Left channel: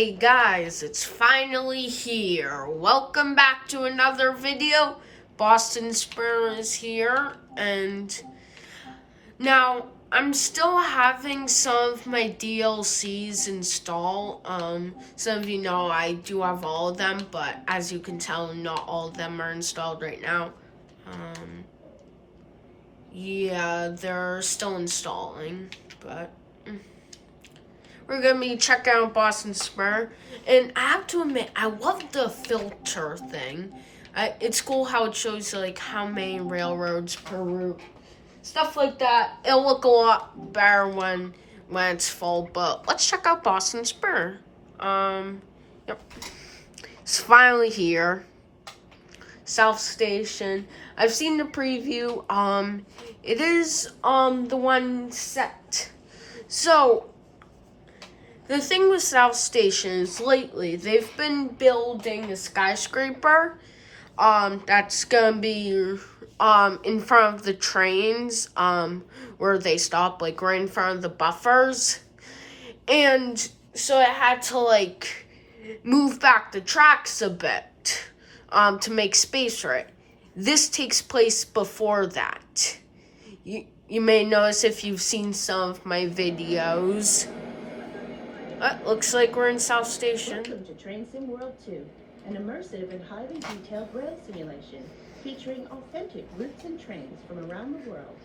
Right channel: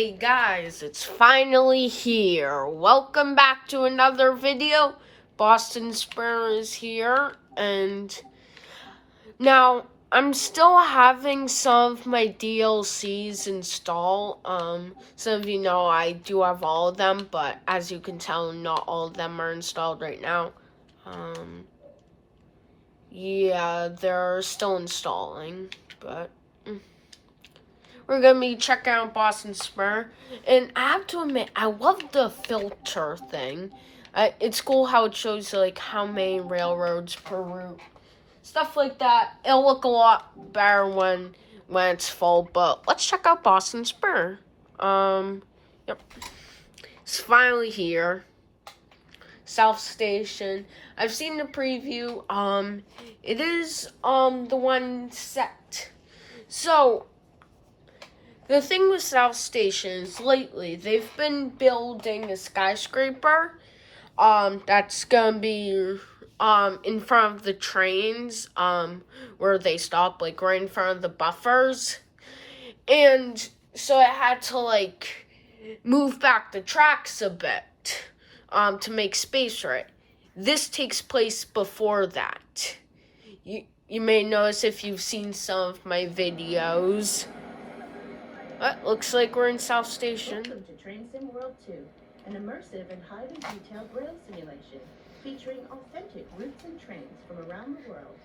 Hey guys, it's finally here. Welcome back to another video. Boston Spur is here, and now I'm still having some of my DLCs installed. Some of you know I do have all of them, but as you can tell, not all of them are installed right now. Yeah, they're still installing, but we're going to be checking out Boston Spur. And I have to admit, I love the filter thing. It's cool how it shows like how many railroads per route. Stuff like that. It'll look a lot better when it's full. But let's check out Boston Spur. Yep. It's finally here. South Station. I've seen the preview. It is the one set. So the thing with South Station is lately they've been building a skyscraper that's gonna be in front of the trains where they stop, like right in front of the buffers. And so it had to like move back the tracks a bit to make space for it. This takes place before that. You may notice if you've seen some of my videos. Looks like we're in South Station. Welcome to Train Sim World 2, an immersive and highly detailed rail simulation featuring authentic routes and trains from around the world.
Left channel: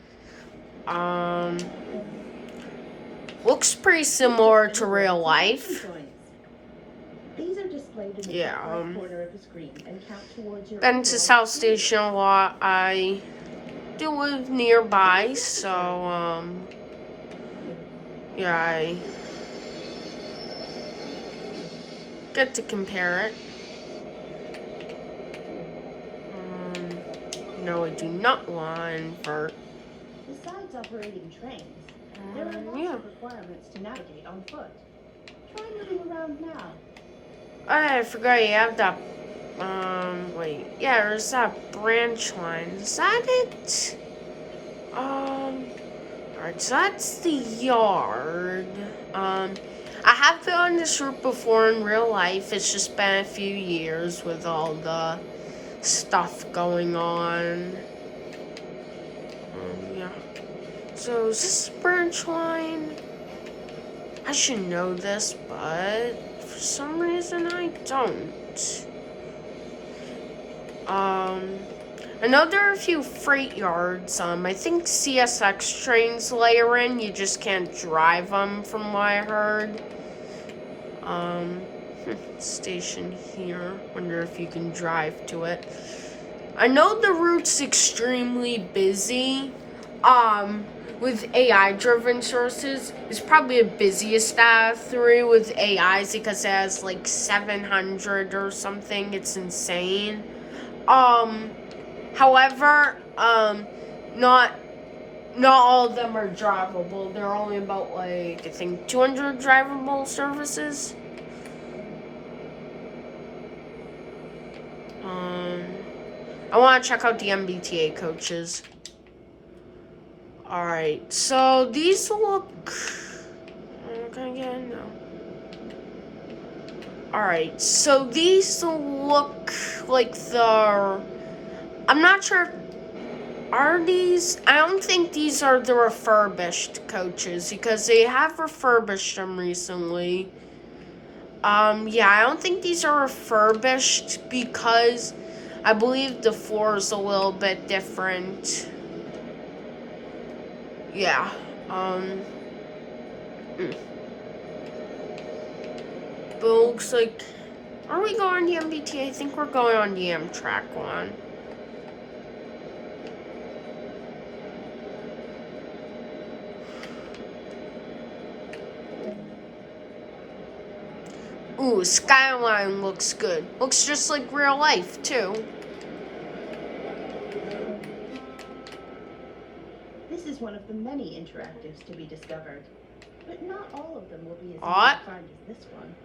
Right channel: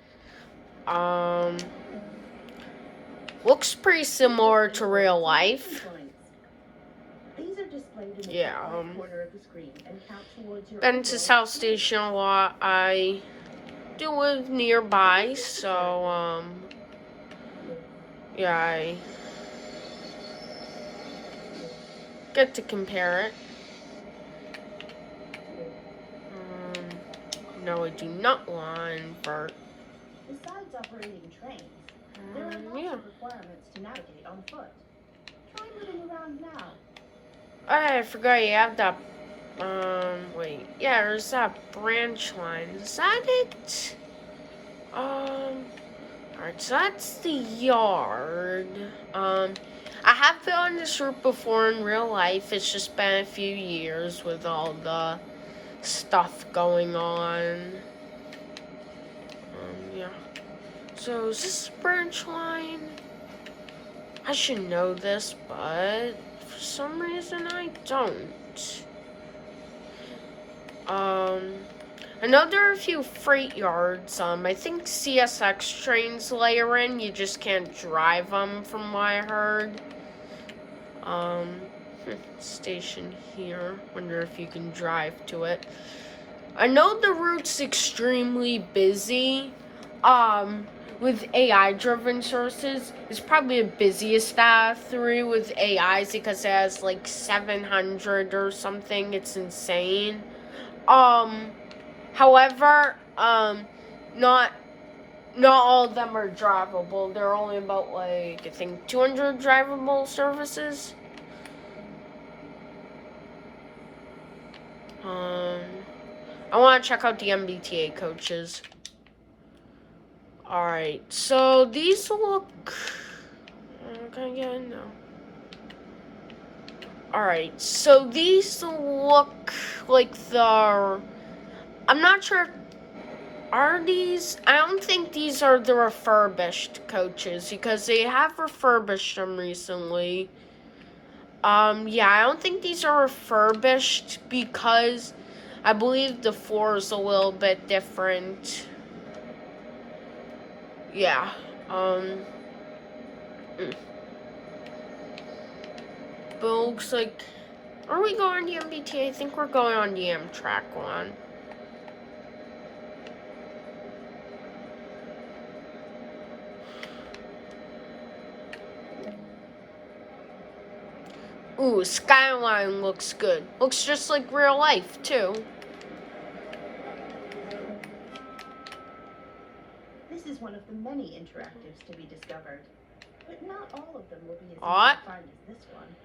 Looks pretty similar to real life. These are displayed in the top corner of the screen and count towards your Been to South Station a lot. I do live nearby, so yeah, I get to compare it. No, I do not want to invert. Besides operating trains, there are lots of requirements to navigate on foot. Try moving around now. I forgot you have that. Wait. Yeah, there's that branch line. Is that it? Alright, so that's the yard. I have been on this route before in real life. It's just been a few years with all the stuff going on. Yeah. So is this branch line? I should know this, but for some reason I don't. I know there are a few freight yards. I think CSX trains layer in. You just can't drive them from what I heard. Station here. Wonder if you can drive to it. I know the route's extremely busy. With AI-driven sources, it's probably the busiest out of 3 with AIs because it has like 700 or something. It's insane. However, not all of them are drivable. There are only about like I think 200 drivable services. I want to check out the MBTA coaches. Alright, so these look... Can I get in now? Alright, so these look like the... I'm not sure... Are these... I don't think these are the refurbished coaches, because they have refurbished them recently. Yeah, I don't think these are refurbished, because I believe the floor is a little bit different. Yeah, but it looks like, are we going on the MBTA? I think we're going on the Amtrak one. Ooh, Skyline looks good. Looks just like real life, too. This is one of the many interactives to be discovered, but not all of them will be as easy to find as this one.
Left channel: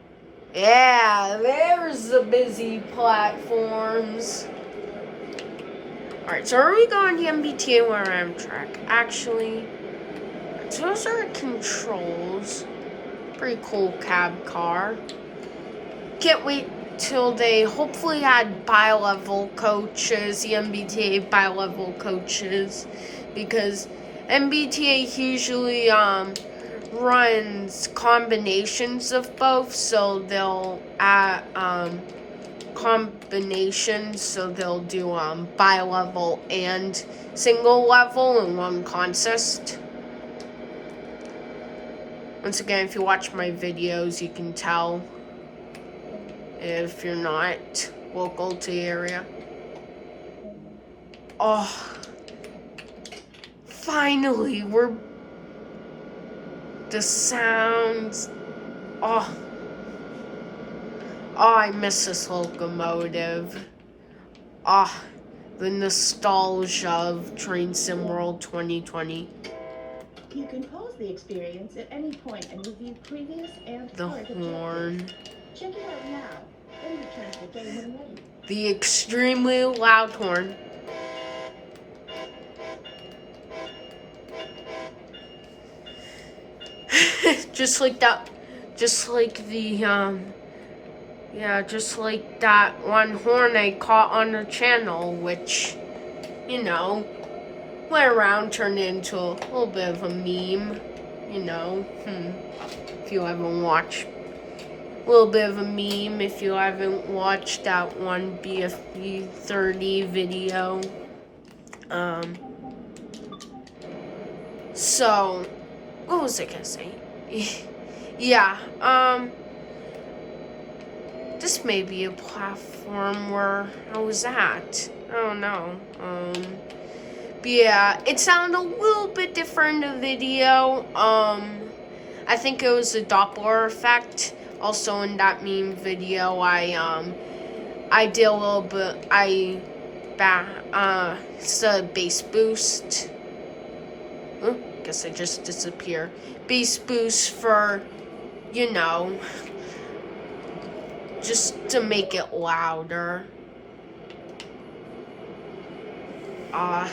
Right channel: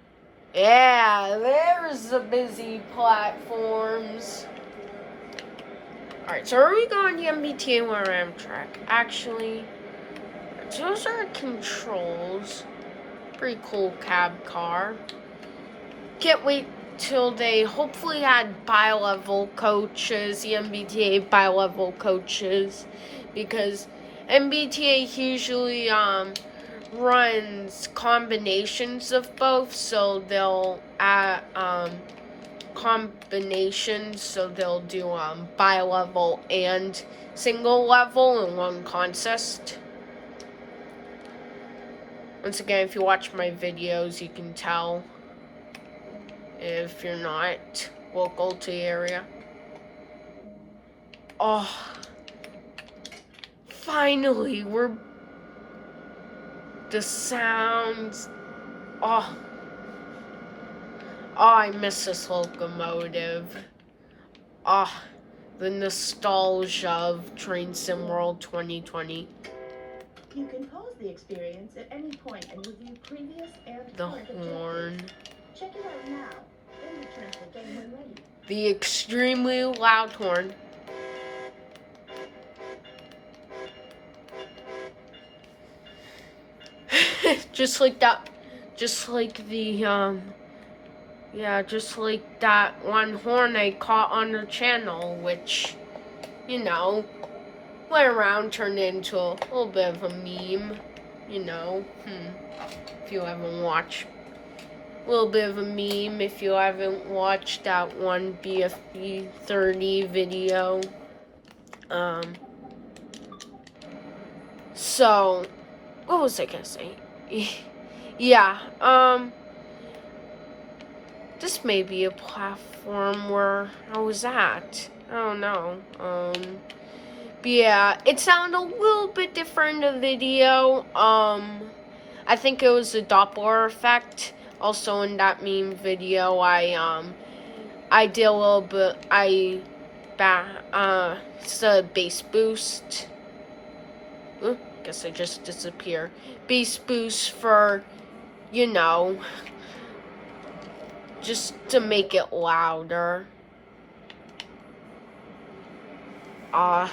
Yeah, there's the busy platforms. Alright, so are we going to MBTA or Amtrak? Actually, those are controls. Pretty cool cab car. can't wait till they hopefully add bi-level coaches, the MBTA bi-level coaches, because MBTA usually runs combinations of both, so they'll add combinations, so they'll do bi-level and single level in one contest. Once again, if you watch my videos, you can tell if you're not local to the area. Oh, finally, the sounds. Oh, I miss this locomotive. Oh, the nostalgia of Train Sim World 2020. You can pause the experience at any point and review previous and The current horn. objectives. Check it out now, then return to the game when ready. The extremely loud horn. Just like that. Just like the just like that one horn I caught on the channel, which, you know, went around, turned into a little bit of a meme, you know. If you haven't watched, a little bit of a meme if you haven't watched that one BFB 30 video. So, what was I gonna say? Yeah, this may be a platform where I was at. I don't know. But yeah, it sounded a little bit different in the video. I think it was the Doppler effect. Also in that meme video, I did a little bit. It's a bass boost. Guess I just disappeared. Bass boost for, you know, just to make it louder. Oh,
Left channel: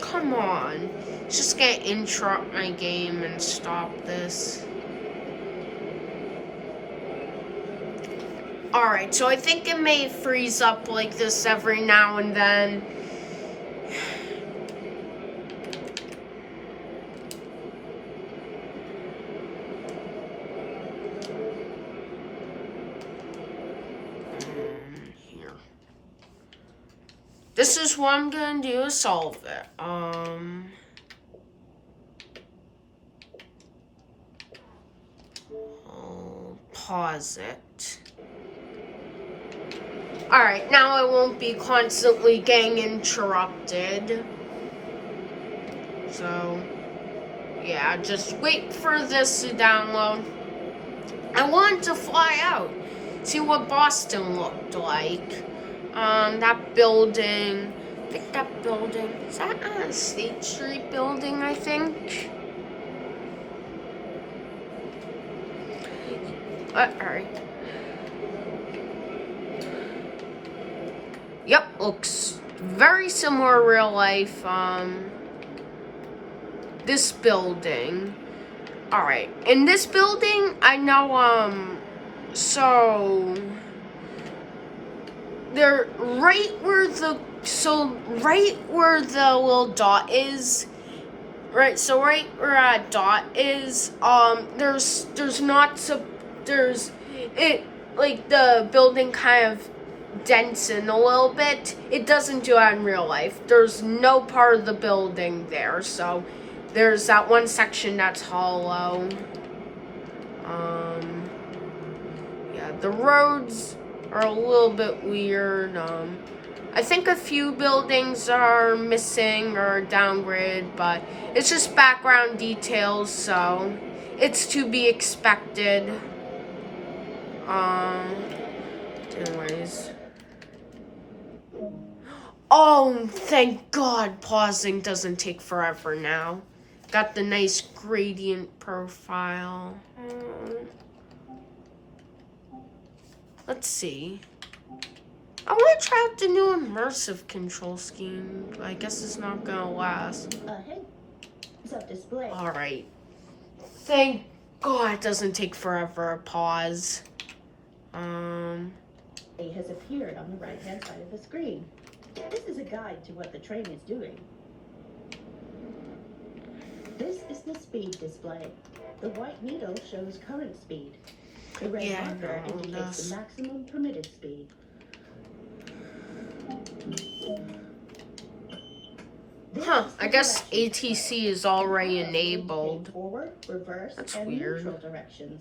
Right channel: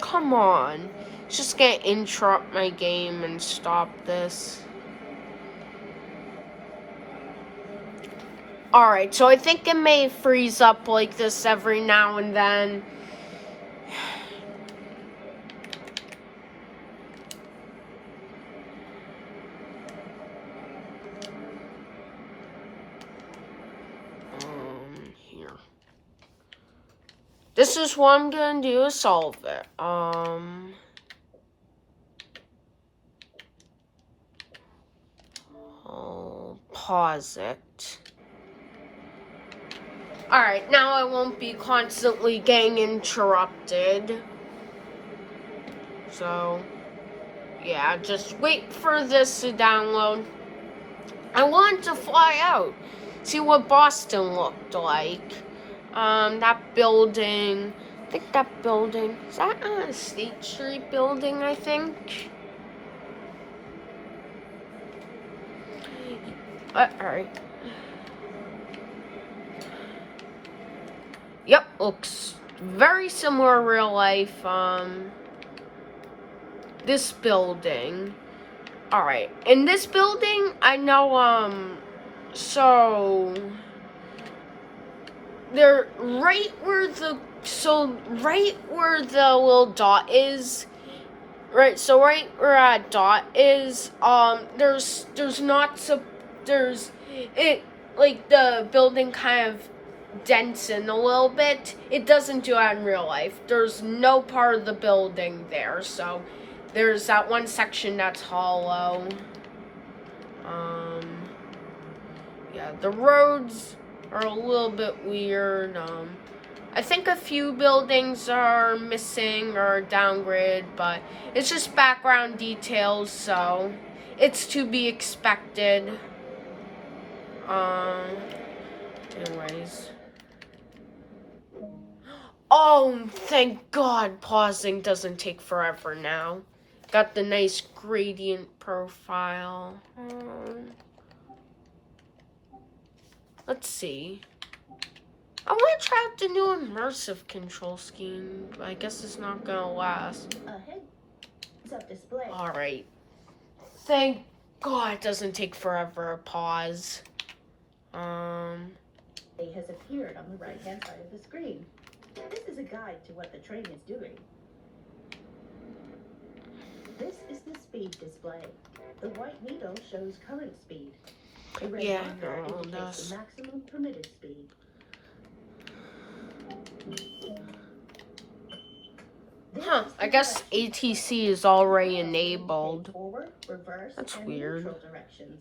come on. It's just gonna interrupt my game and stop this. Alright, so I think it may freeze up like this every now and then. Here. This is what I'm gonna do to solve it. I'll pause it. Alright, now I won't be constantly getting interrupted. So, yeah, just wait for this to download. I want to fly out, see what Boston looked like. That building, I think that building, is that a State Street building, I think? Alright. Yep, looks very similar to real life. This building. Alright, in this building, I know, so they're right where the little dot is, right, so right where that dot is, there's like the building kind of dents in a little bit. It doesn't do that in real life. There's no part of the building there, so there's that one section that's hollow. Yeah, the roads are a little bit weird. I think a few buildings are missing or downgraded, but it's just background details, so it's to be expected. Anyways. Oh, thank God pausing doesn't take forever now. Got the nice gradient profile. Let's see. I want to try out the new immersive control scheme, but I guess it's not gonna last. Hey, it's up display. Alright. Thank God it doesn't take forever to pause. It has appeared on the right-hand side of the screen. This is a guide to what the train is doing. This is the speed display. The white needle shows current speed. The red marker indicates the maximum permitted speed. I guess ATC is already enabled. Forward, reverse, That's and weird. neutral directions.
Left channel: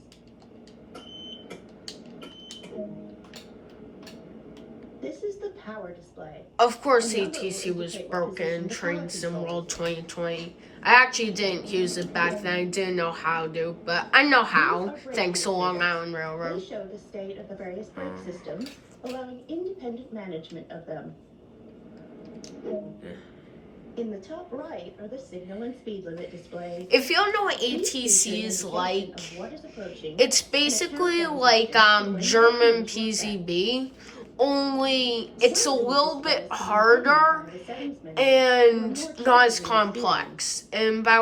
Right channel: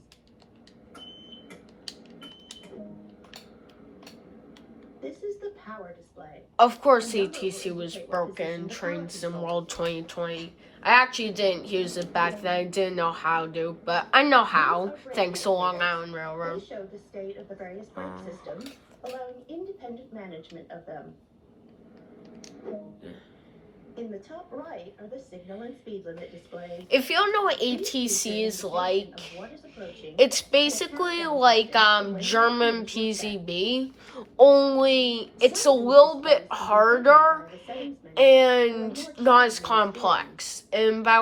This is the power display. Of course, ATC was broken in Train Sim World 2020. I actually didn't use it back then. I didn't know how to, but I know how, thanks to Long Island They Railroad. show the state of the various brake systems, allowing independent management of them. In the top right are the signal and speed limit displays. If you don't know what ATC is like, it's basically like German PZB, only it's a little bit harder and not as complex. And by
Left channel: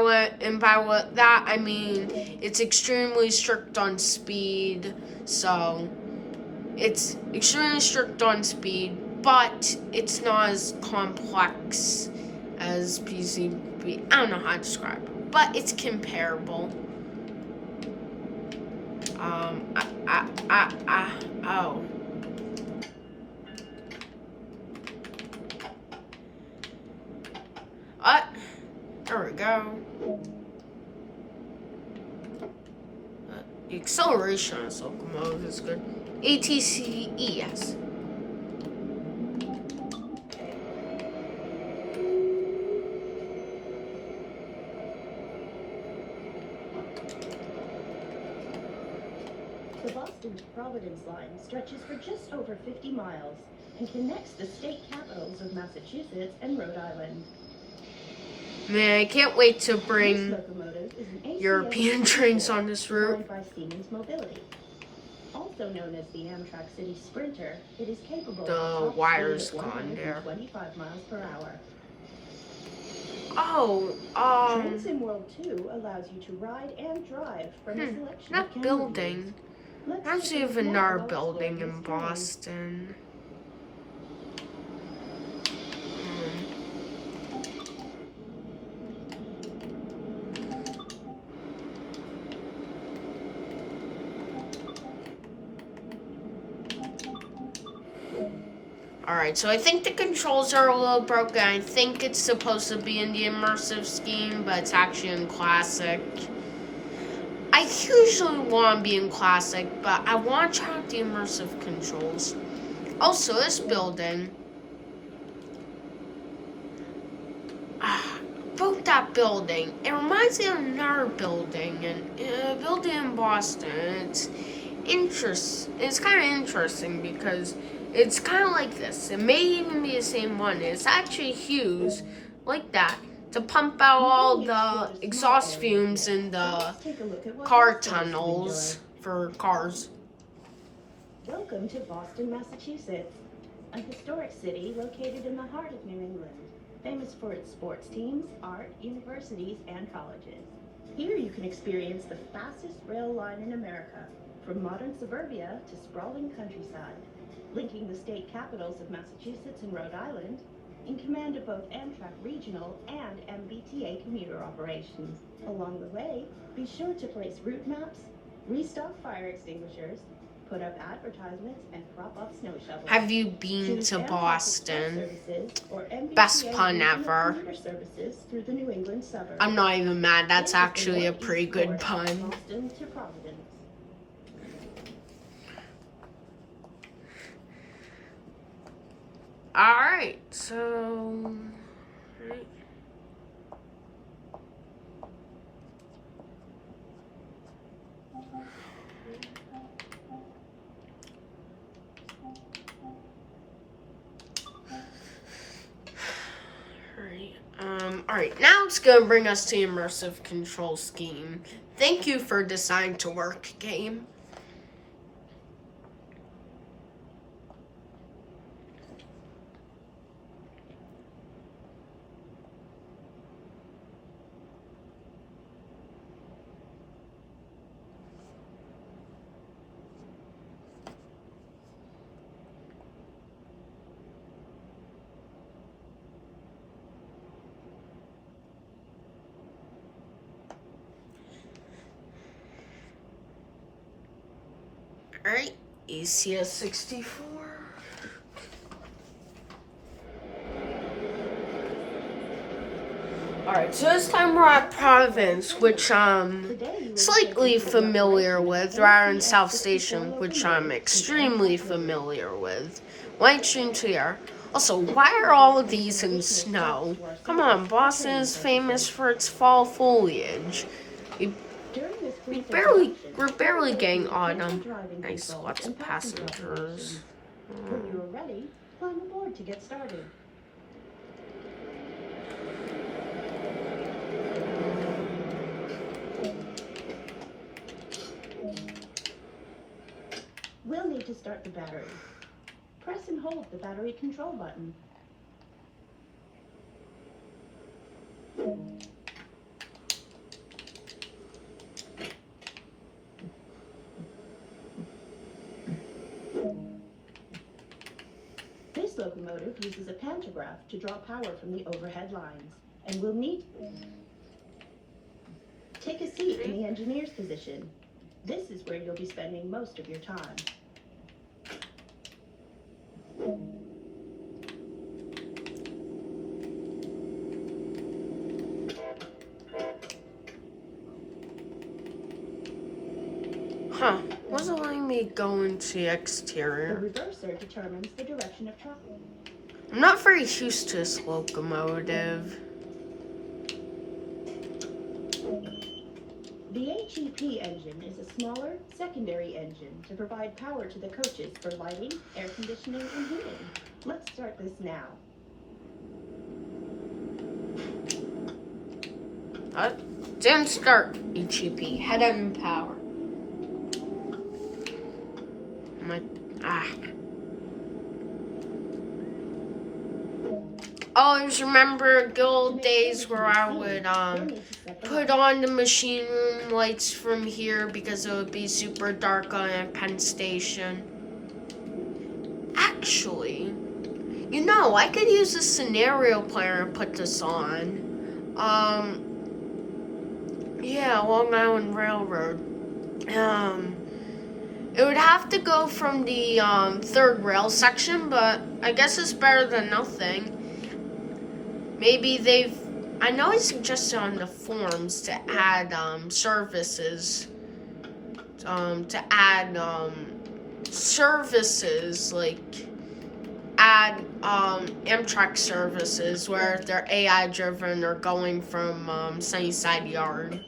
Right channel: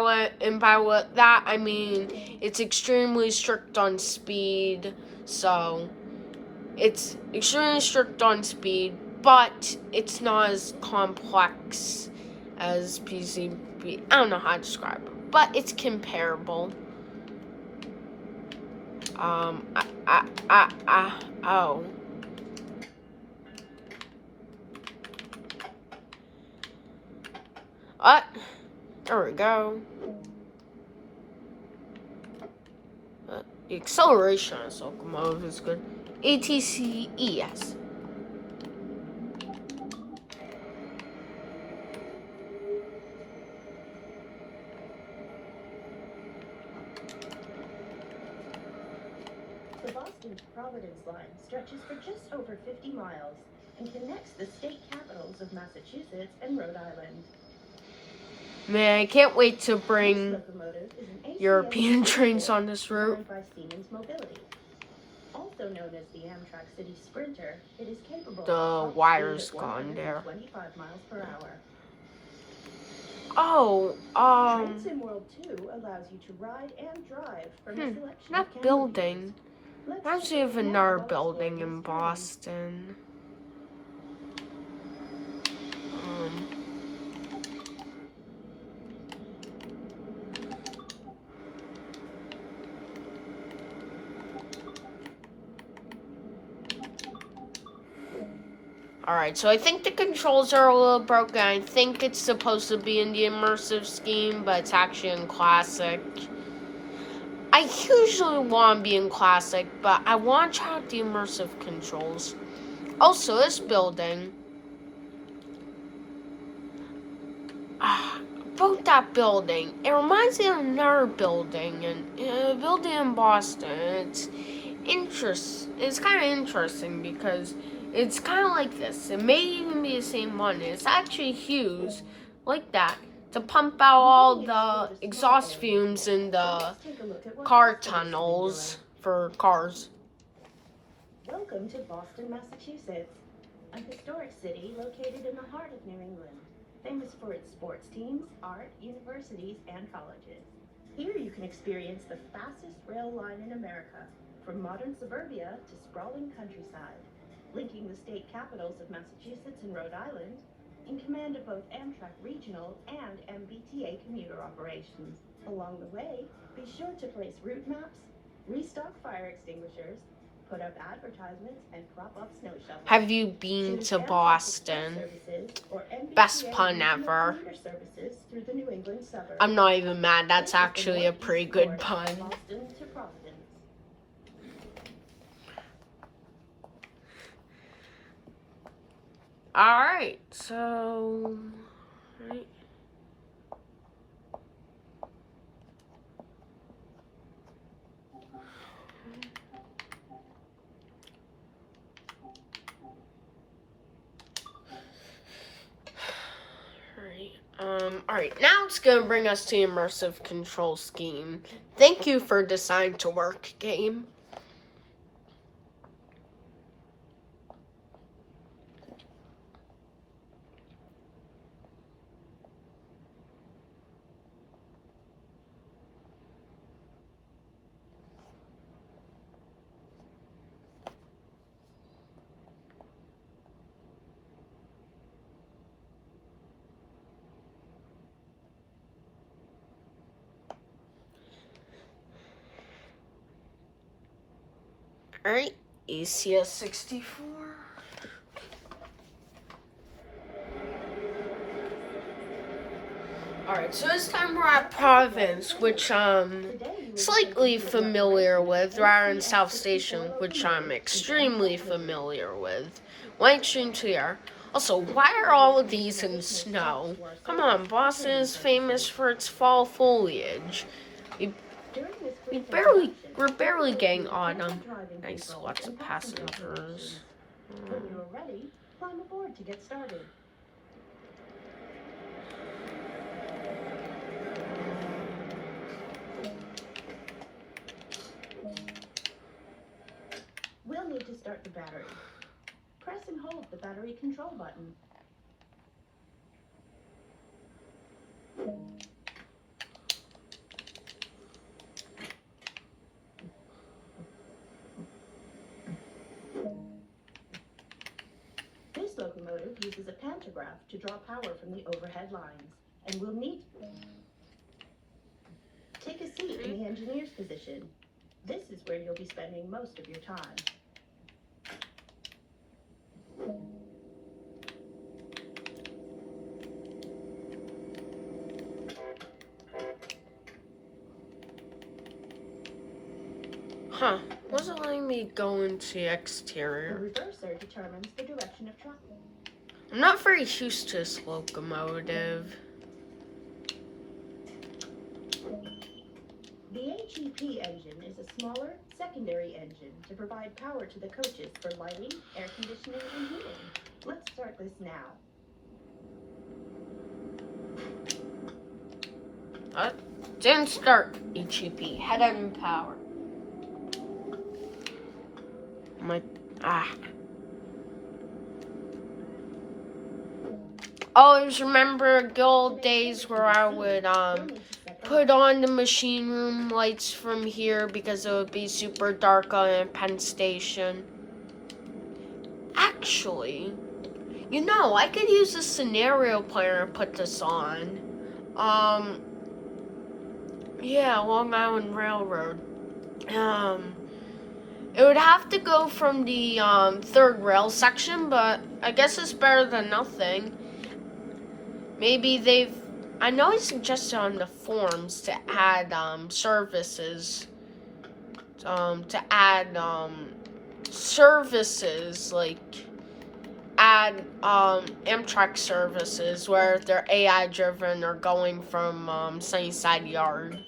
that I mean it's extremely strict on speed. So it's extremely strict on speed, but it's not as complex as PCB. I don't know how to describe it, but it's comparable. Oh. What? There we go. The acceleration on this locomotive is good. ATCES. The Boston to Providence line stretches for just over 50 miles and connects the state capitals of Massachusetts and Rhode Island. Man, I can't wait to bring European trains on this route. By Siemens Mobility. Also known as the Amtrak City Sprinter, it is capable of The wire's gone there. 25 miles per hour. Oh, Transim World 2 allows you to ride and drive from a selection of that building. There's even another building in Boston. Alright, so I think the controls are a little broken. I think it's supposed to be in the immersive scheme, but it's actually in classic. I usually want to be in classic, but I want to try out the immersive controls. Also, this building. About that building. It reminds me of another building, and a building in Boston. It's kind of interesting because it's kind of like this. It may even be the same one. It's actually huge, like that, to pump out all the exhaust fumes in the car tunnels for cars. Welcome to Boston, Massachusetts, a historic city located in the heart of New England, famous for its sports teams, art, universities, and colleges. Here you can experience the fastest rail line in America, from modern suburbia to sprawling countryside, linking the state capitals of Massachusetts and Rhode Island, in command of both Amtrak regional and MBTA commuter operations. Along the way, be sure to place route maps, restock fire extinguishers, put up advertisements, and prop up snow shovels. Have you been to Boston? Best pun ever. Through the New England suburbs. I'm not even mad. That's actually a pretty good pun. Boston to Providence. Alright, so... Alright, now it's gonna bring us to the immersive control scheme. Thank you for deciding to work, game. Alright, ACS 64. Alright, so this time we're at Province, which I'm slightly familiar with, rather than South Station, which I'm extremely familiar with. White Stream here. Also, why are all of these in snow? Come on, Boston is famous for its fall foliage. We're barely getting autumn. Nice, lots of passengers. When you are ready, climb aboard to get started. We'll need to start the battery. Press and hold the battery control button. This locomotive uses a pantograph to draw power from the overhead lines, and we'll need... Take a seat in the engineer's position. This is where you'll be spending most of your time. Huh, wasn't letting me go into the The exterior. reverser determines the direction of travel. I'm not very used to this locomotive. The HEP engine is a smaller, secondary engine to provide power to the coaches for lighting, air conditioning, and heating. Let's start this now. Didn't start HEP. Head on power. Always remember good old days where I would put on the machine room lights from here because it would be super dark on Penn Station. Actually, you know, I could use a scenario planner to put this on. Yeah, Long Island Railroad. It would have to go from the third rail section, but I guess it's better than nothing. Maybe I know it suggested on the forums to add services. To add services, like add Amtrak services where they're AI driven or going from Sunnyside Yard.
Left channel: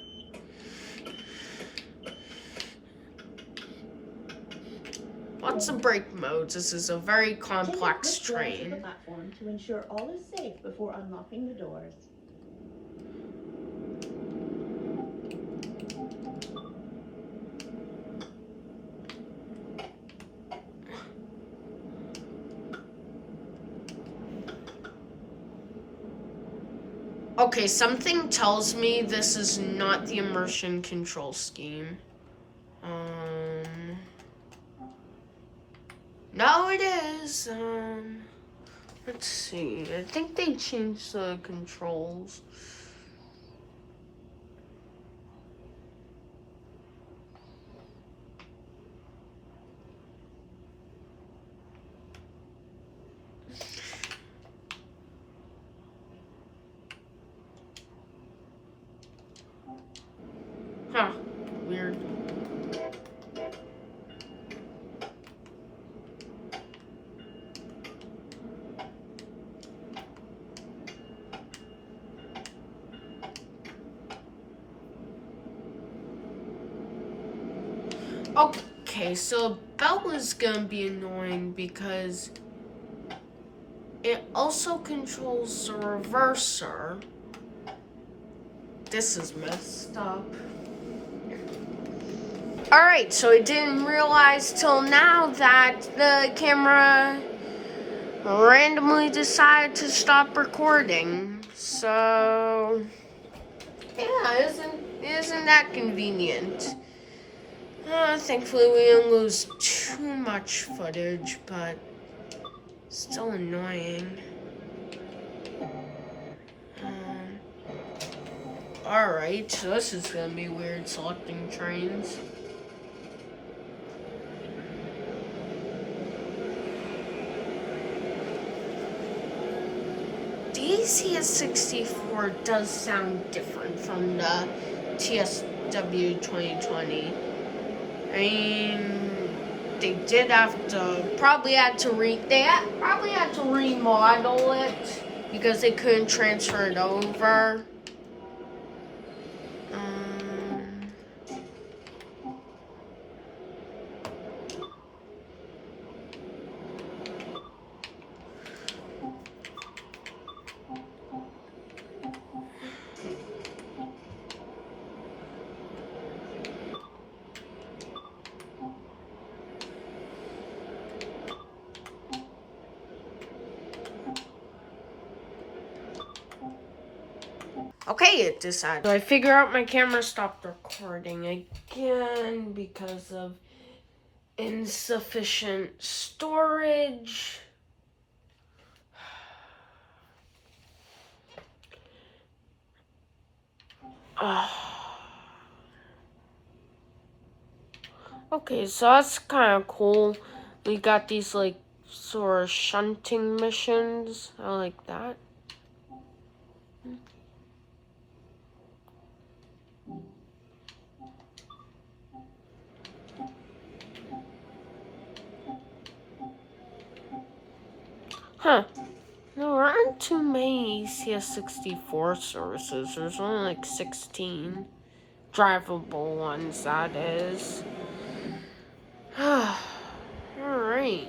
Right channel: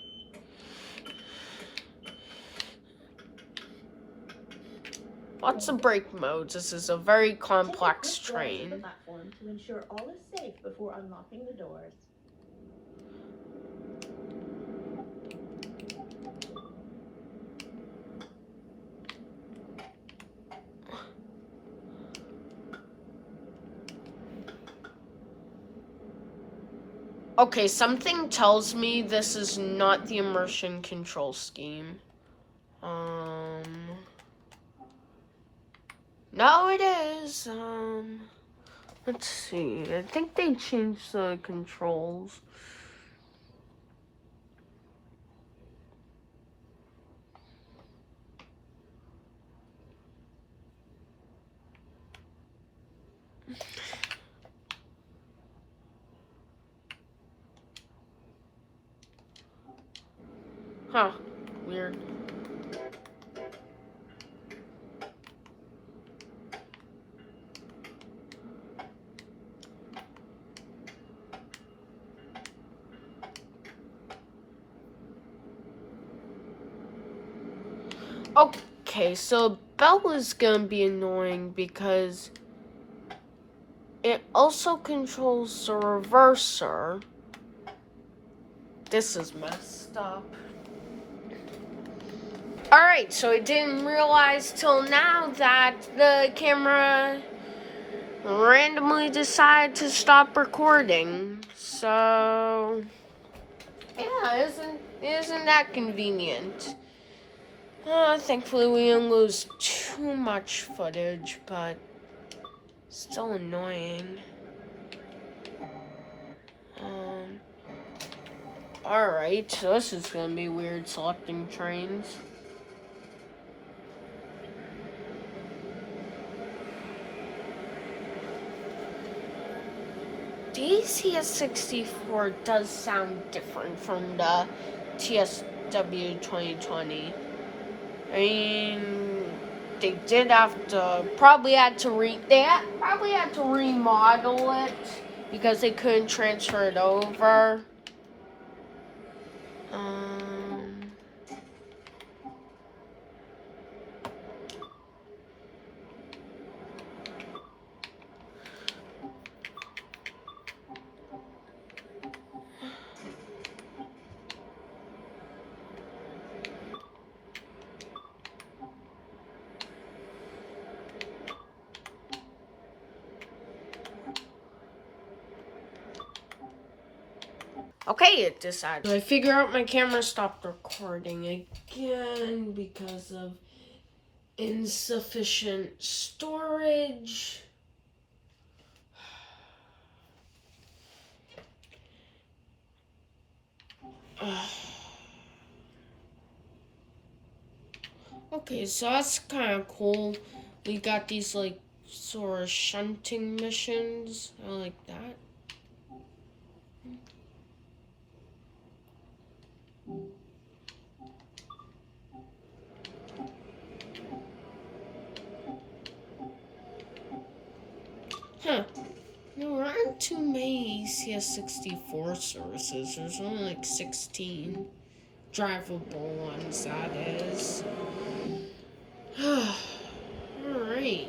Lots of brake modes. This is a very complex Take a quick glance at train. the platform to ensure all is safe before unlocking the doors. Okay, something tells me this is not the immersion control scheme. No, it is. Let's see. I think they changed the controls. Huh. Weird. Okay, so bell is gonna be annoying because it also controls the reverser. This is messed up. Alright, so I didn't realize till now that the camera randomly decided to stop recording. So, yeah, isn't that convenient? Thankfully we didn't lose too much footage, but still annoying. Alright, so this is gonna be weird selecting trains. ACS64 does sound different from the TSW 2020. I mean, they did have to probably had to remodel it because they couldn't transfer it over. Okay, it decided. So I figure out my camera stopped recording again because of insufficient storage. Okay, so that's kind of cool. We got these like sort of shunting missions. I like that. Huh. No, there aren't too many CS64 services. There's only like 16 drivable ones, that is. Alright.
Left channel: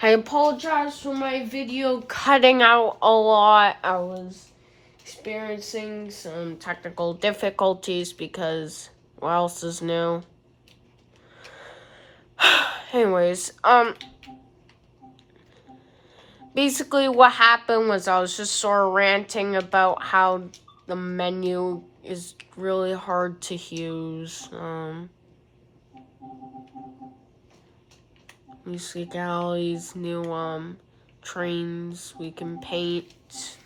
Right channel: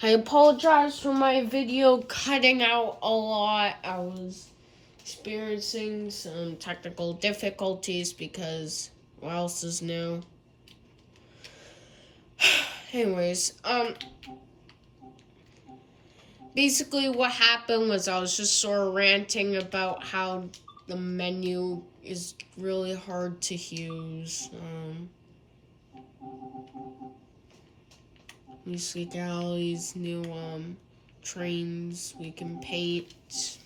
I apologize for my video cutting out a lot. I was experiencing some technical difficulties because what else is new? Anyways, basically what happened was I was just sort of ranting about how the menu is really hard to use. We see all these new trains we can paint.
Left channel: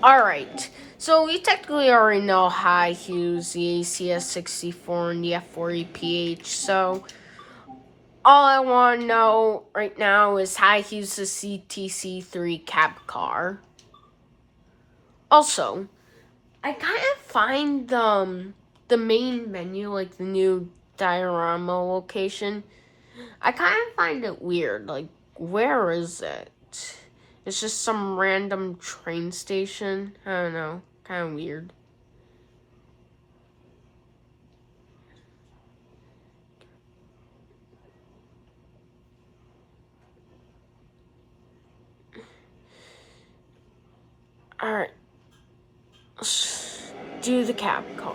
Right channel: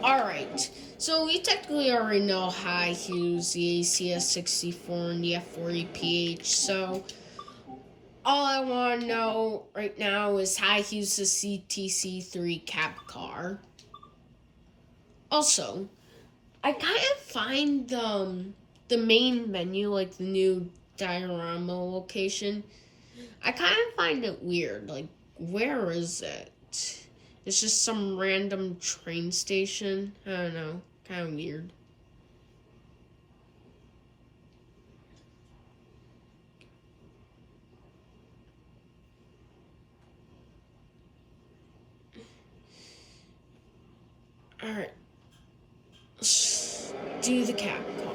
Alright, so we technically already know how to use the ACS64 and the F40PH, so all I want to know right now is how to use the CTC3 cab car. Also, I kind of find the main menu, like the new diorama location, I kind of find it weird. Like, where is it? It's just some random train station. I don't know. Kind of weird. Alright. Let's do the cab car.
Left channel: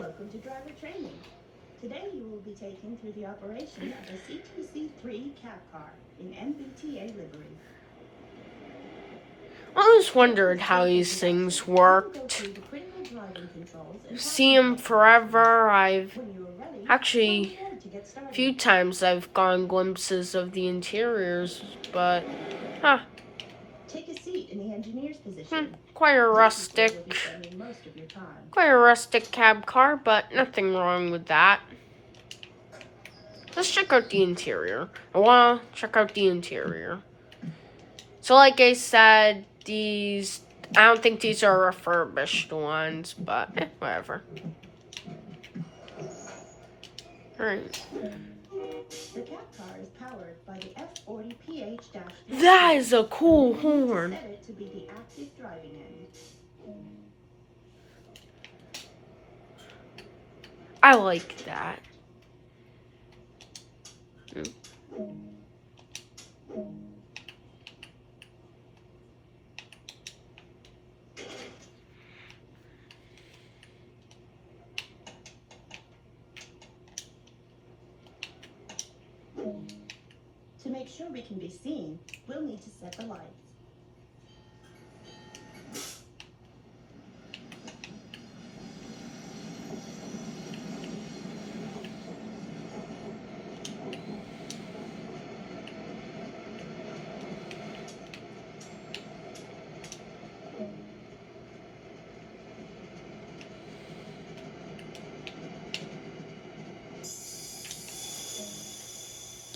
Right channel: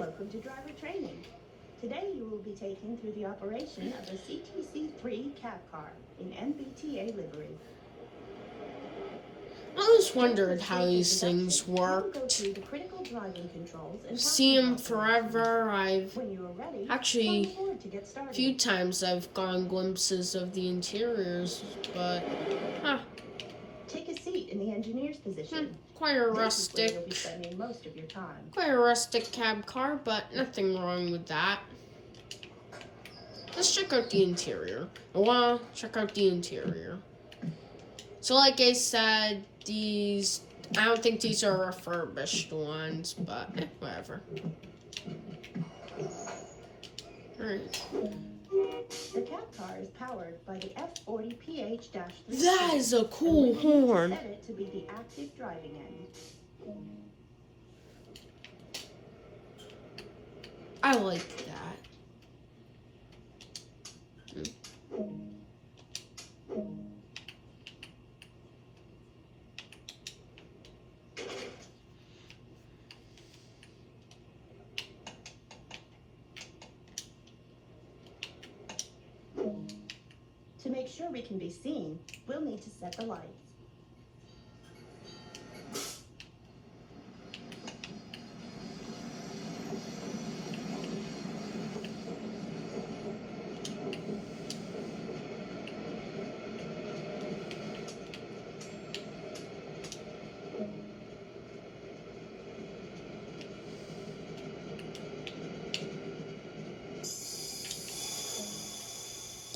Welcome to driver training. Today you will be taken through the operation of the CTC3 cab car in MBTA livery. I always wondered how these things worked. See them forever. I've actually a few times I've gotten glimpses of the interiors, but Take a seat in the engineer's position. Quite a rustic cab car, but nothing wrong with that. Let's check out the interior. I want to check out the interior. So like I said, I don't think these are refurbished ones, but whatever. Alright. The cab car is powered by the F40PH-3. That is a cool horn. Set it to be the active driving end. I like that. To make sure we can be seen, we'll need to set the lights.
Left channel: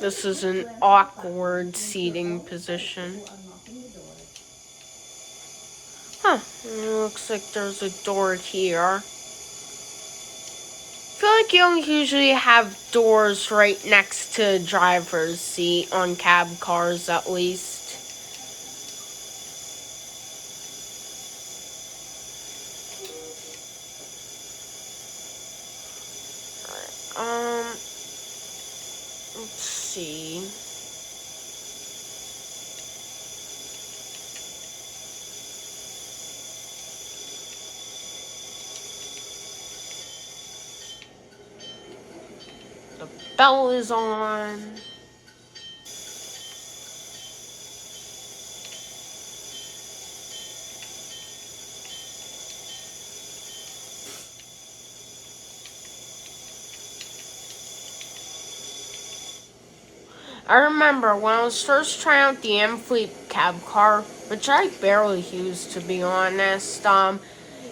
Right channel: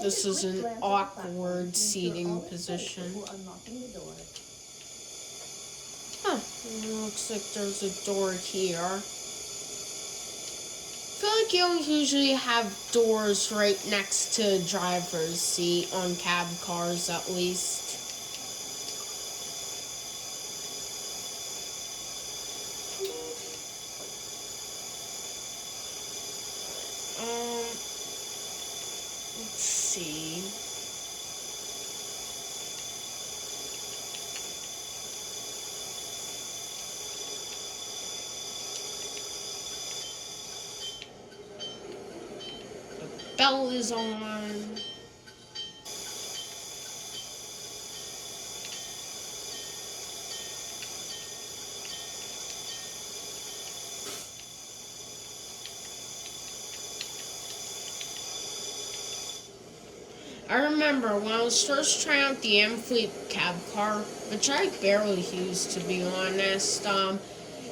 This is Quick an glance at the awkward platform to ensure seating all is safe position. before unlocking the door. Huh, looks like there's a door here. I feel like you don't usually have doors right next to driver's seat on cab cars, at least. Let's see. The bell is on. I remember when I was first trying out the Amfleet cab car, which I barely used to be honest,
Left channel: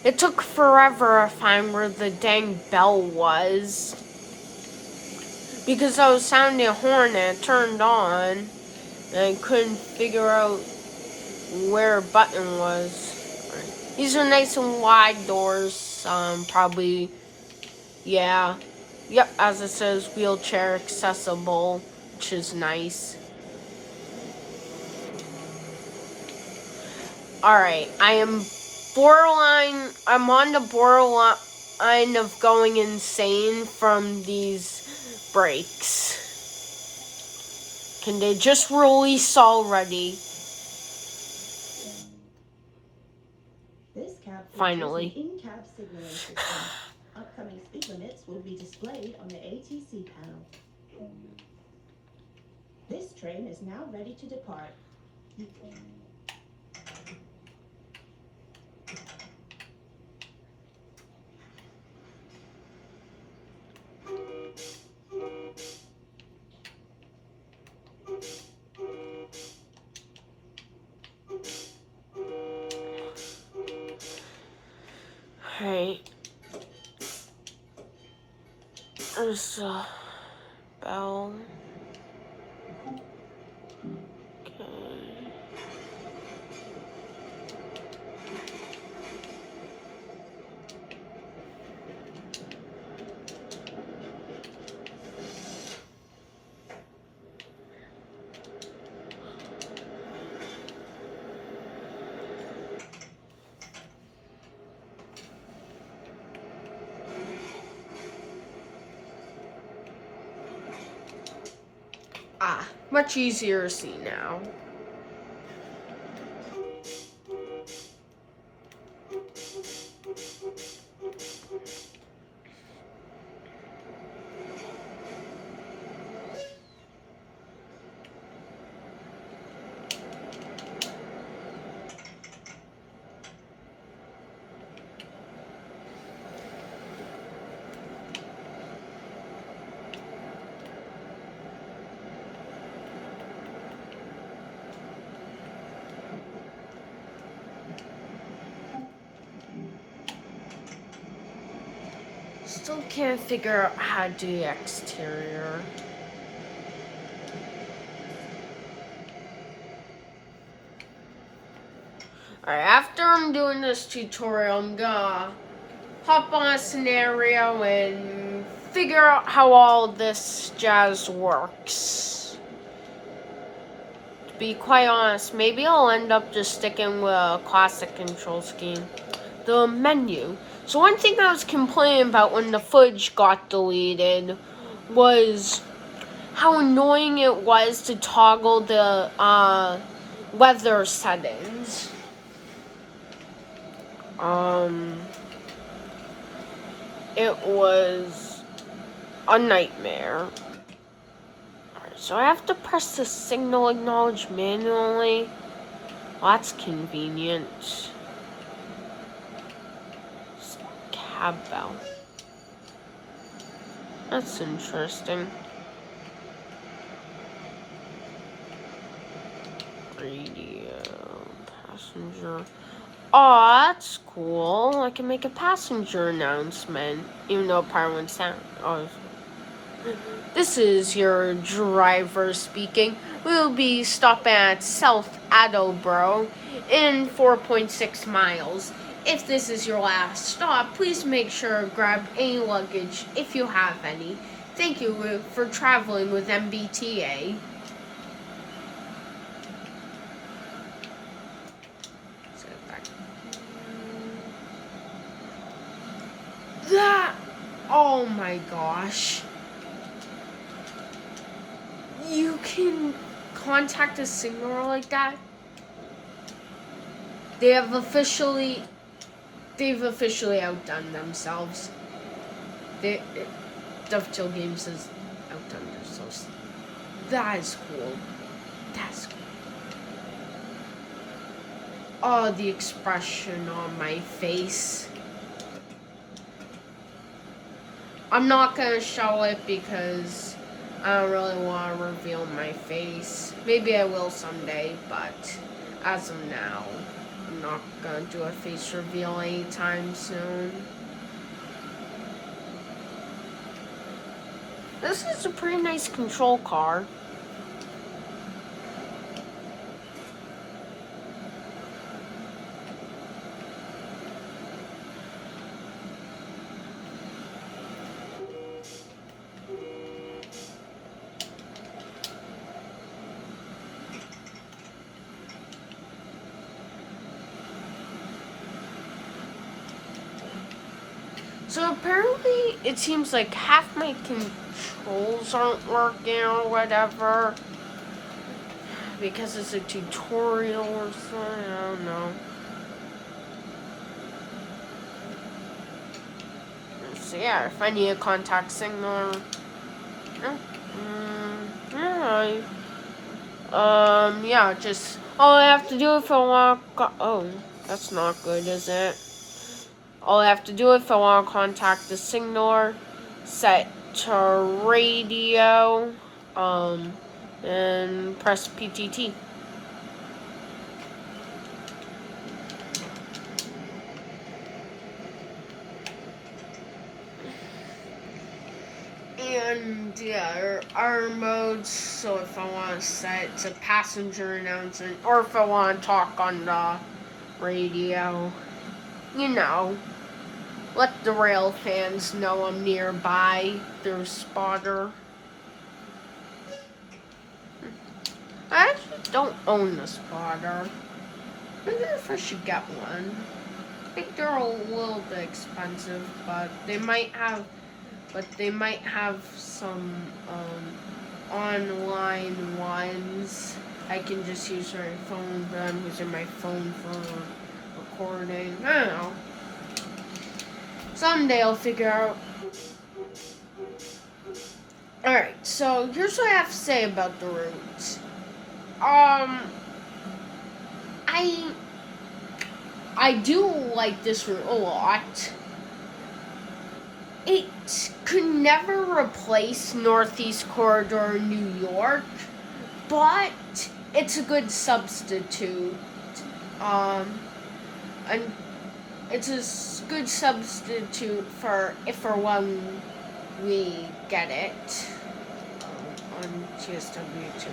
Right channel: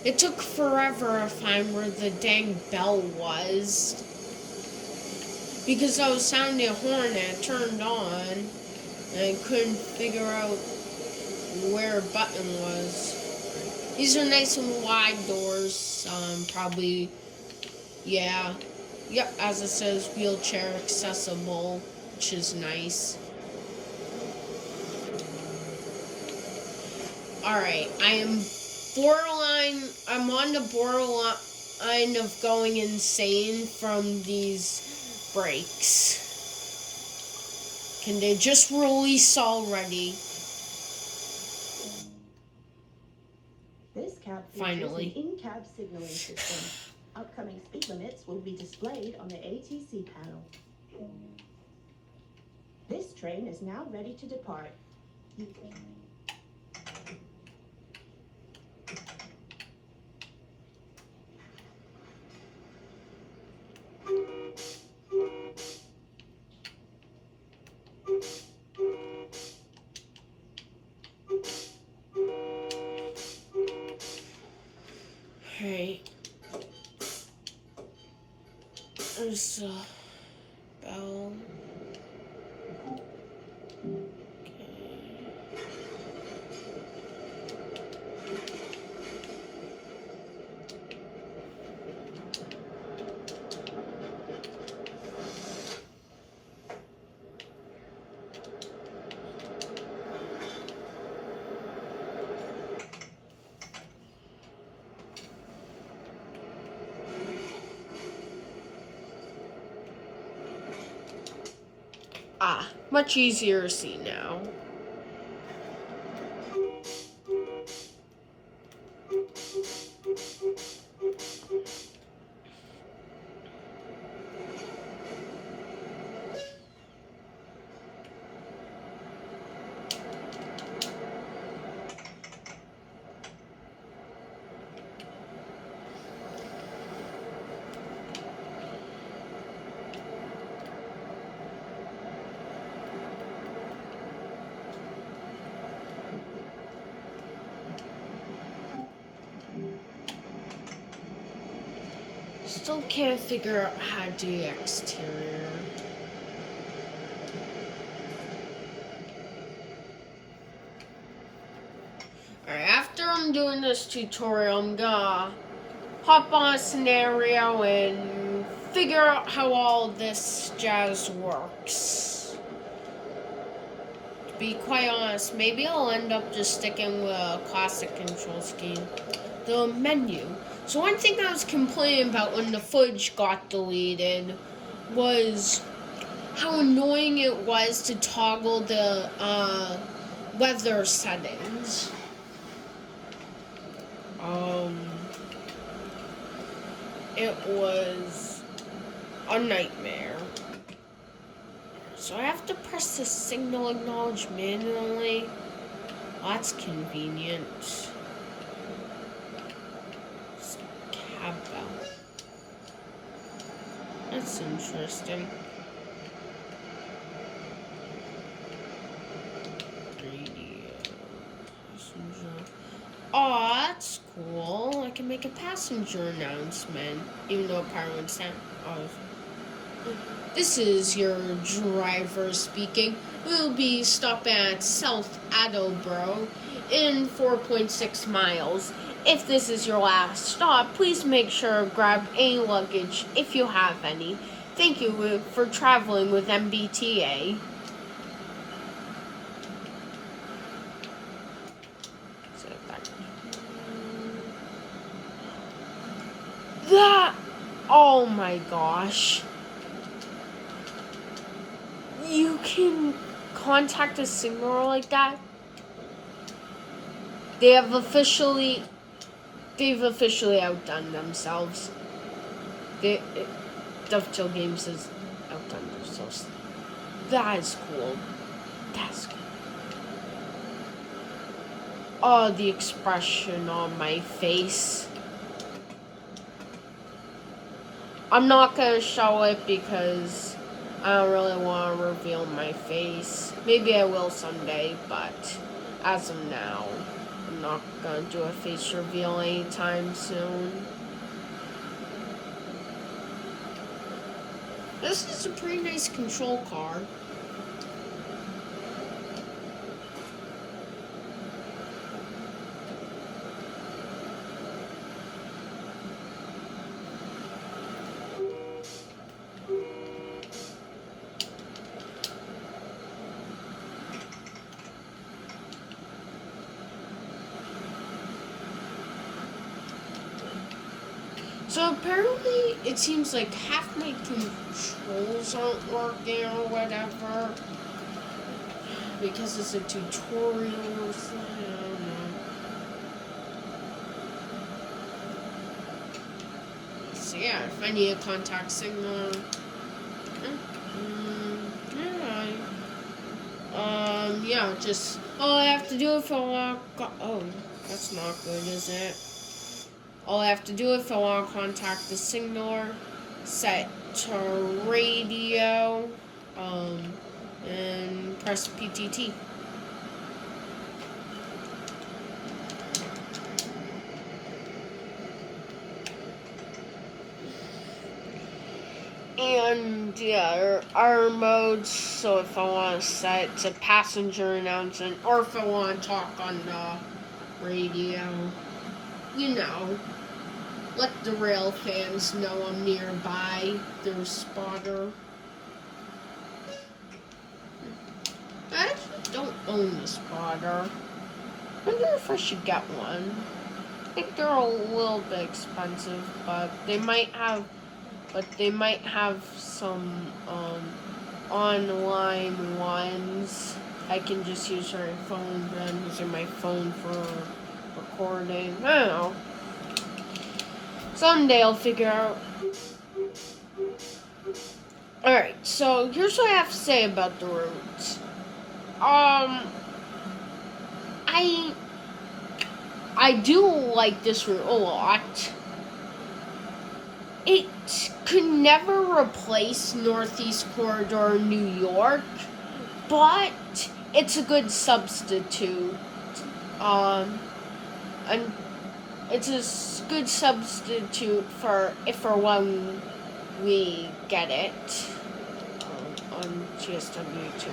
it took forever to find where the dang bell was. Because I was sounding a horn and it turned on, and I couldn't figure out where a button was. These are nice and wide doors, probably, yeah. Yep, as it says, wheelchair accessible, which is nice. Alright, I'm on the borderline of going insane from these brakes. Can they just release already? This cab Finally. features an in-cab signaling system. Upcoming speed limits will be displayed on the ATC panel. This train is now ready to depart. Alright. There's a bell. Okay. Ah, much easier to see now. Still can't figure out how to do the exterior. Alright, after I'm doing this tutorial, I'm gonna hop on a scenario and figure out how all this jazz works. To be quite honest, maybe I'll end up just sticking with a classic control scheme. The menu. So one thing I was complaining about when the footage got deleted was how annoying it was to toggle the weather settings. It was a nightmare. So I have to press the signal acknowledge manually. Well, that's convenient. Cab bell. That's interesting. Radio passenger. Oh, that's cool. I can make a passenger announcement, even though part would sound. Oh, This is your driver speaking. We'll be stopping at South Attleboro in 4.6 miles. If this is your last stop, please make sure to grab any luggage if you have any. Thank you for traveling with MBTA. That, oh my gosh. You can contact a signaler like that? They've officially outdone themselves. Dovetail Games has outdone themselves. That is cool. That's cool. Oh, the expression on my face. I'm not gonna show it because I don't really want to reveal my face. Maybe I will someday, but as of now, I'm not gonna do a face reveal anytime soon. This is a pretty nice control car. So apparently, it seems like half my controls aren't working or whatever. Because it's a tutorial or something, I don't know. So yeah, if I need a contact signal, yeah, just all I have to do if I want. Oh, that's not good, is it? All I have to do if I want to contact the signaler, set to radio, and press PTT. And yeah, our modes, so if I want to set to passenger announcement, or if I want to talk on the radio, you know, let the rail fans know I'm nearby, their spotter. I actually don't own the spotter. I wonder if I should get one. I think they're a little bit expensive, but they might have some online ones. I can just use my phone, but I'm using my phone for recording. I don't know. Someday I'll figure out. Alright, so here's what I have to say about the route. I do like this route a lot. It could never replace Northeast Corridor New York, but it's a good substitute. And it's a good substitute for if or when we get it on GSW2.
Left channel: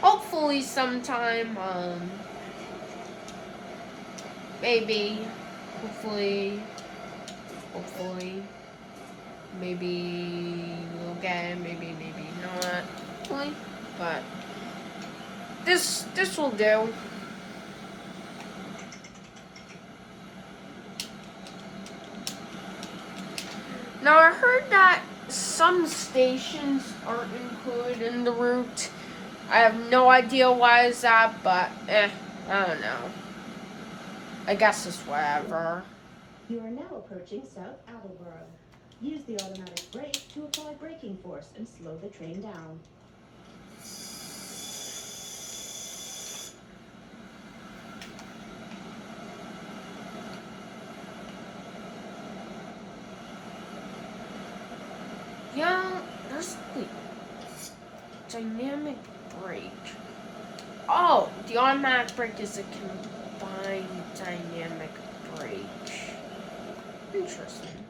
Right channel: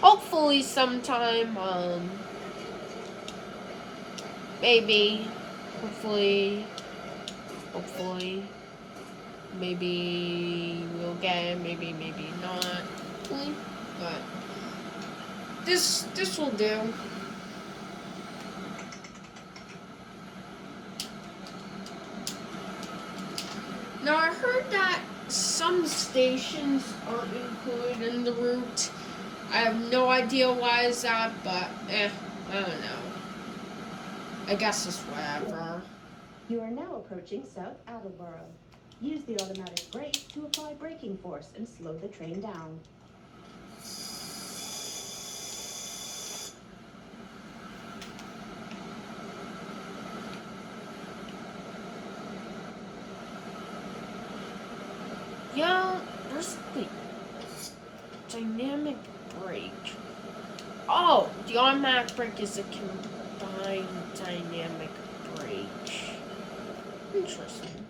Hopefully sometime, maybe, hopefully, maybe we'll get it, maybe not, but this will do. Now I heard that some stations aren't included in the route. I have no idea why is that, but I don't know. I guess it's whatever. You are now approaching South Attleboro. Use the automatic brake to apply braking force and slow the train down. Yeah, there's the dynamic brake. Oh, the automatic brake is a combined dynamic brake. Interesting.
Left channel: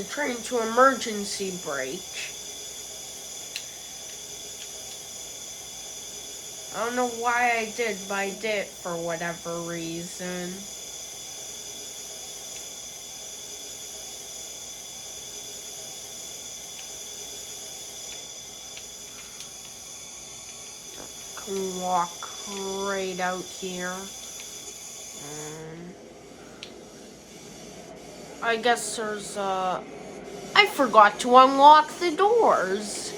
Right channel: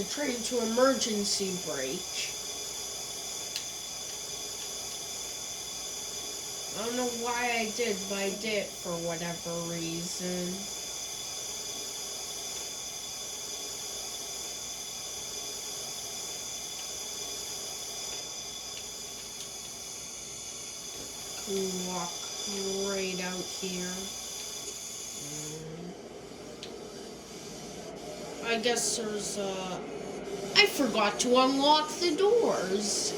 the train to emergency brake. I don't know why I did, but I did it for whatever reason. Can walk right out here. I guess there's I forgot to unlock the doors.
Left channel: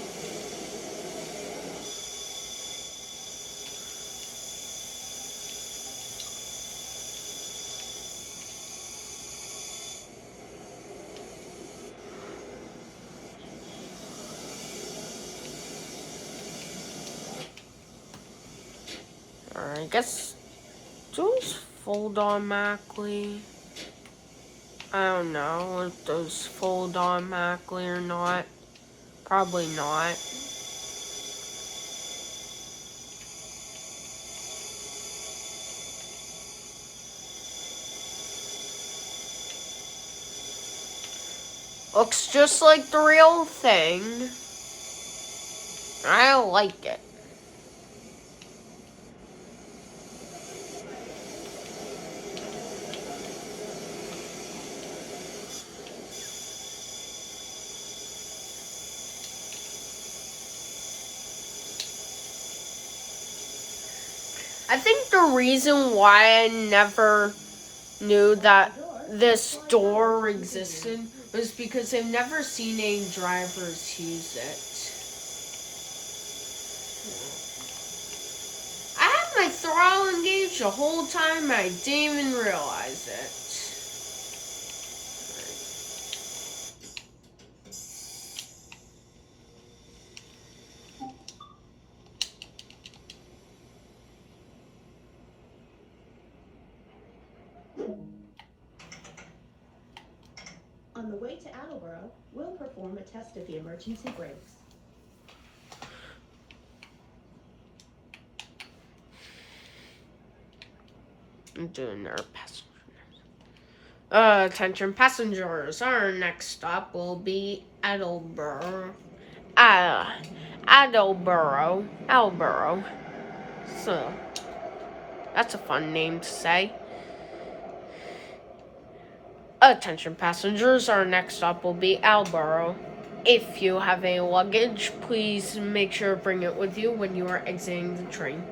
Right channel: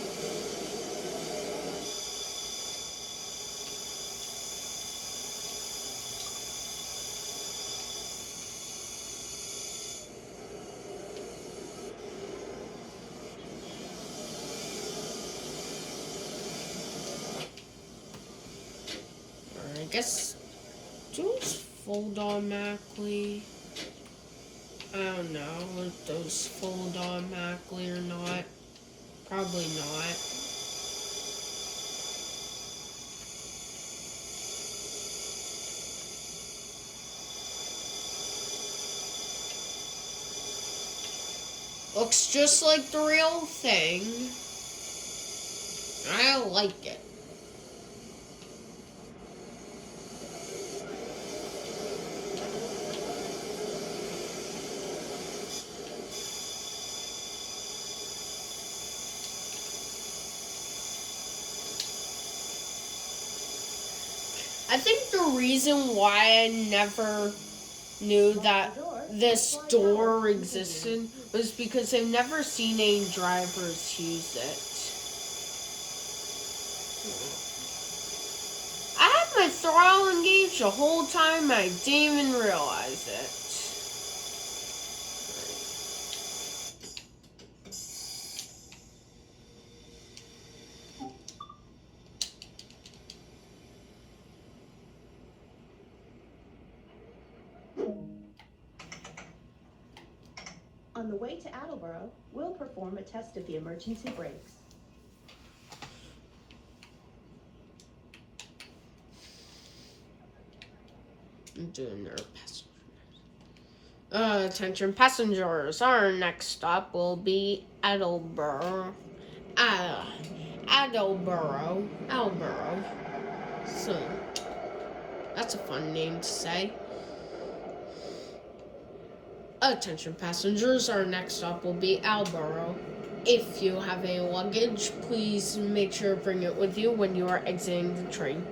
I guess those fold automatically. I don't know if those fold automatically or not. Probably not. Looks just like the real thing. I like it. I think the reason why I never knew that this door existed was because I've never seen any drivers use it. I had my throttle engaged the whole time, I didn't even realize it. On the way to Attleboro, we'll perform a test of the emergency brakes. I'm doing our passengers. Attention passengers, our next stop will be Attleboro. Attleboro. So, that's a fun name to say. Attention passengers, our next stop will be Attleboro. If you have any luggage, please make sure to bring it with you when you are exiting the train.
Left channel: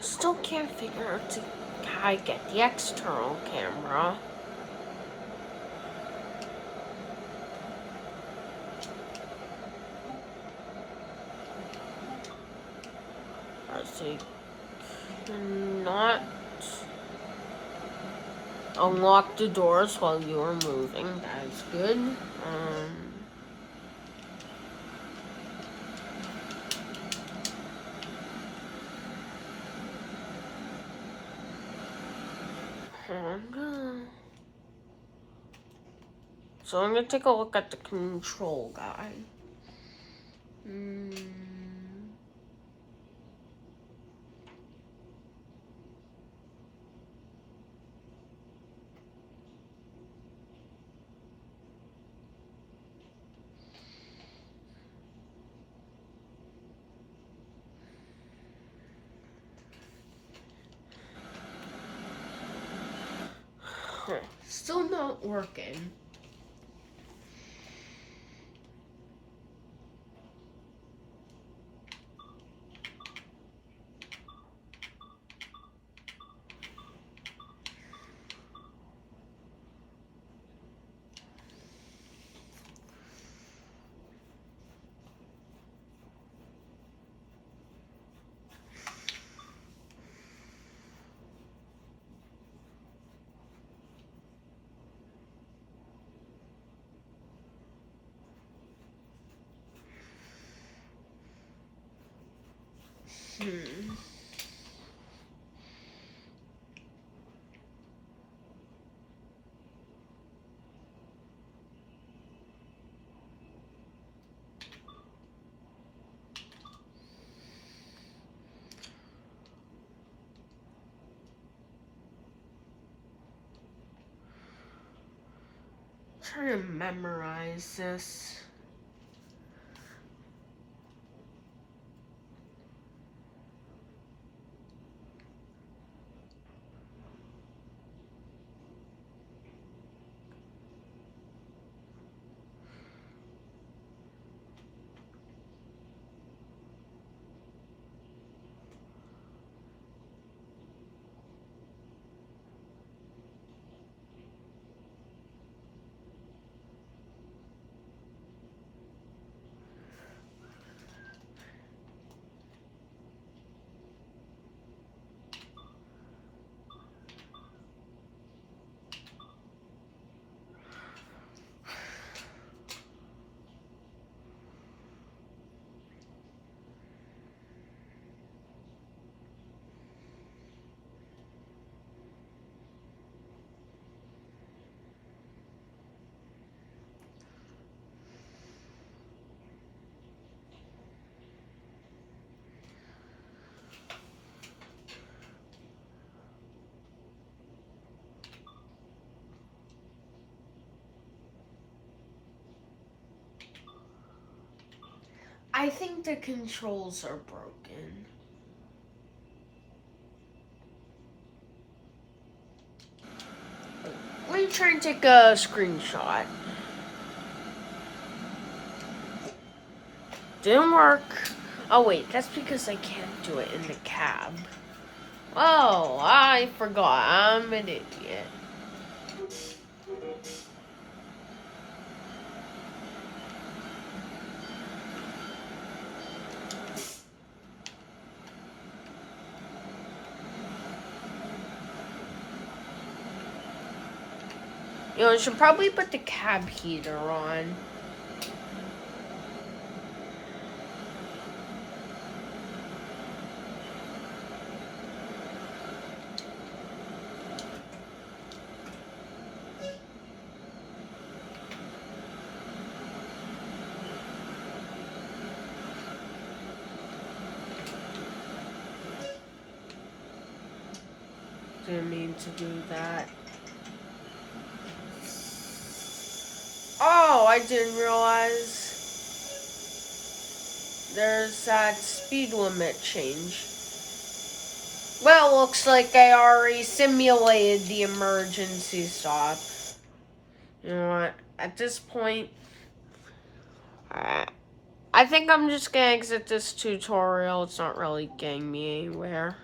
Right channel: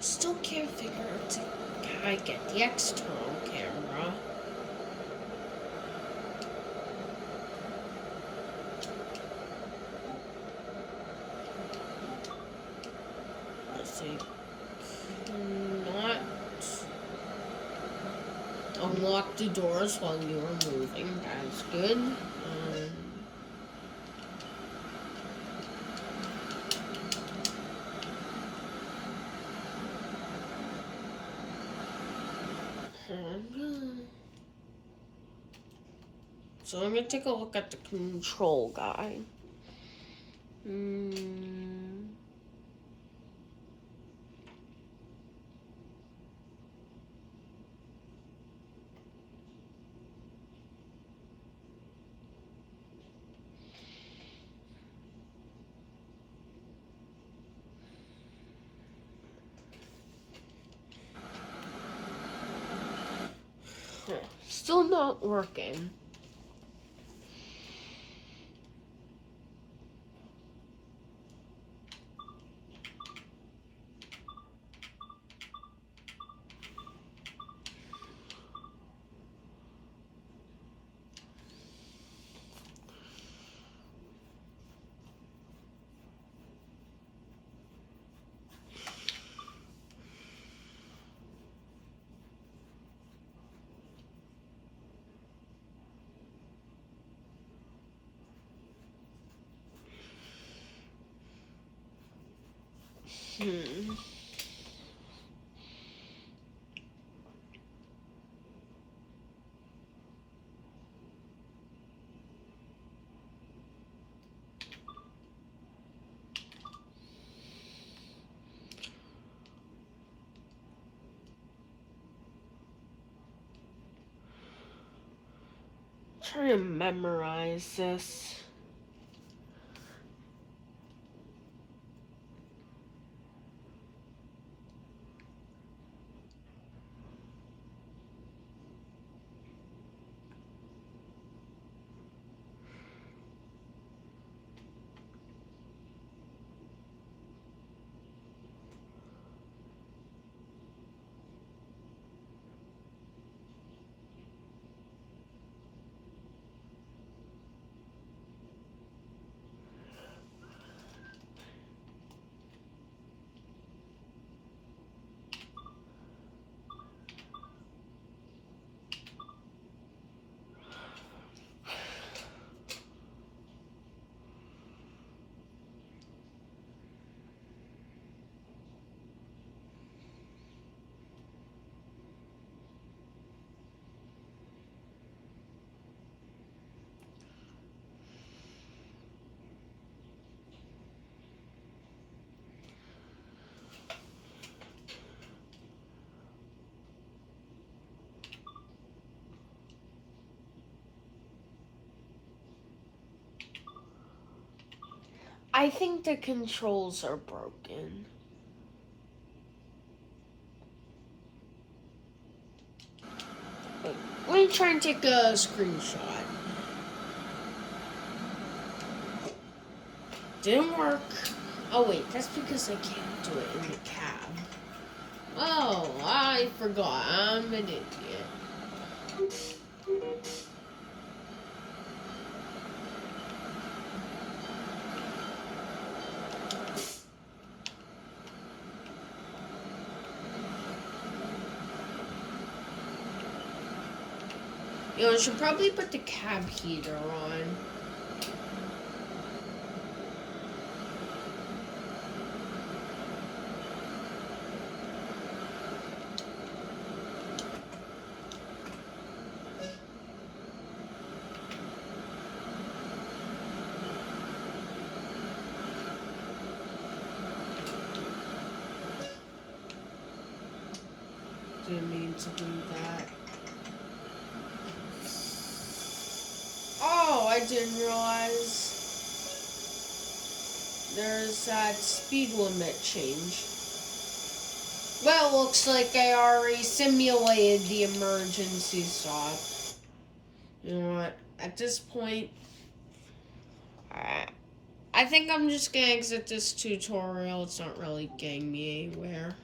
Still can't figure out how I get the external camera. I think not unlock the doors while you are moving. That's good. So I'm gonna take a look at the control guide. Still not working. Trying to memorize this. I think the controls are broken. Let me try and take a screenshot. Didn't work. Oh wait, that's because I can't do it in the cab. Oh, I forgot. I'm an idiot. You know, I should probably put the cab heater on. Didn't mean to do that. Oh, I didn't realize there's that speed limit change. Well, looks like I already simulated the emergency stop. You know what? At this point, I think I'm just gonna exit this tutorial. It's not really getting me anywhere.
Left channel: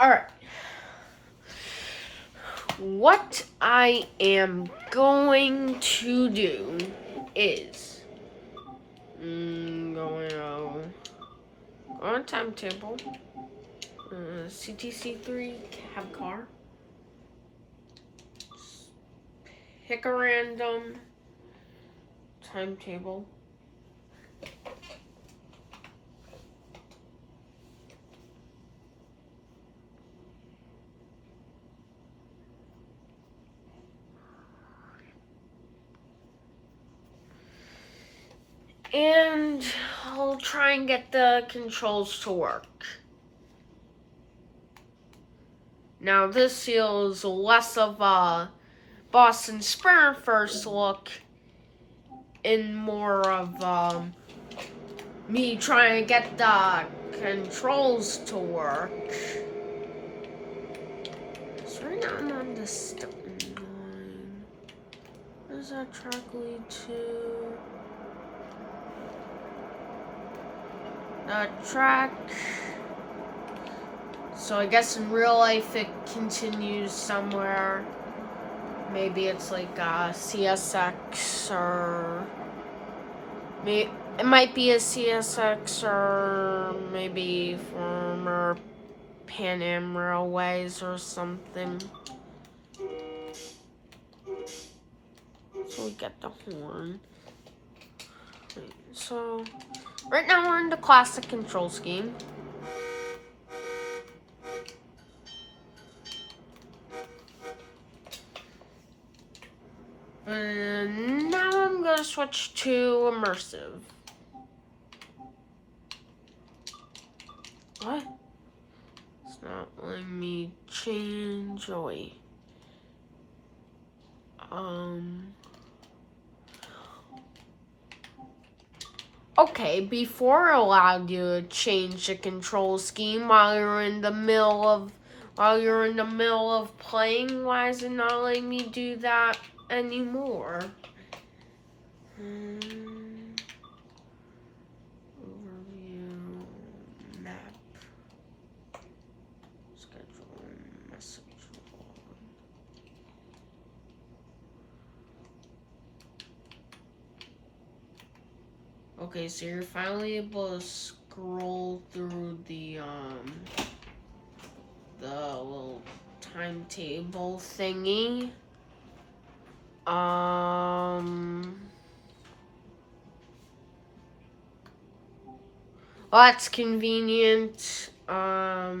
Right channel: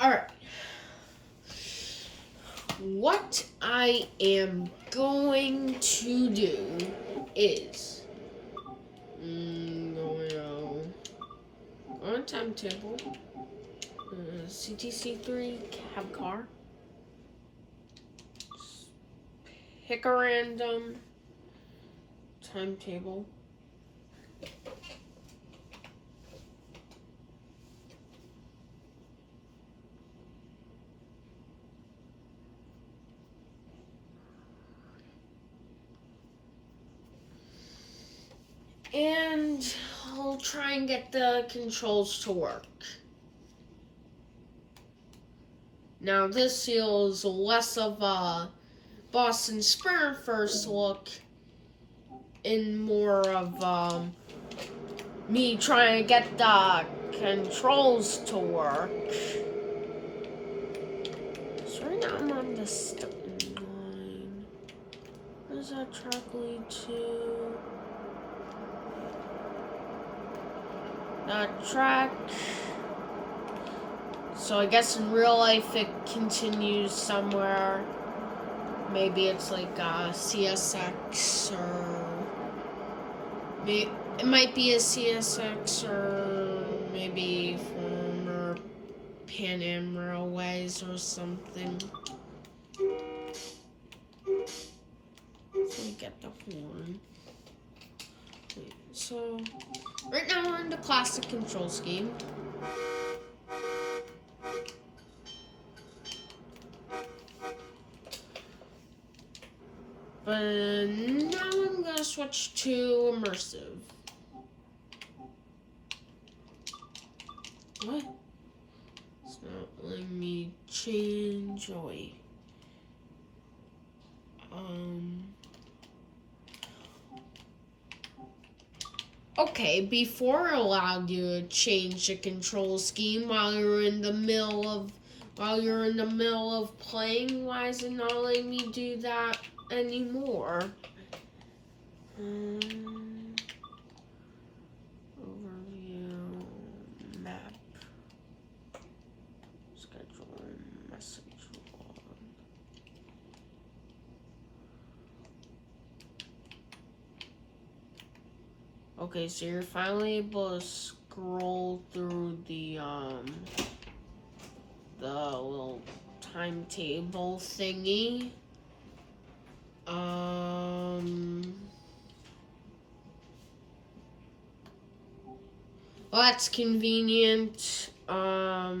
Alright. What I am going to do is going on timetable, CTC3 cab car, pick a random timetable. And I'll try and get the controls to work. Now this feels less of a Boston Spur first look and more of me trying to get the controls to work. So right now I'm on the Stoughton line. Where does that track lead to? Track. So I guess in real life it continues somewhere. Maybe it's like CSX or it might be a CSX or maybe former Pan Am Railways or something. So we get the horn. So, right now we're in the classic control scheme. But now I'm gonna switch to immersive. What? It's not letting me change. Oh, wait. Okay, before it allowed you to change the control scheme while you're in the middle of playing. Why is it not letting me do that anymore? Overview, map, schedule, message log. Okay, so you're finally able to scroll through the little timetable thingy. Well, that's convenient. Well,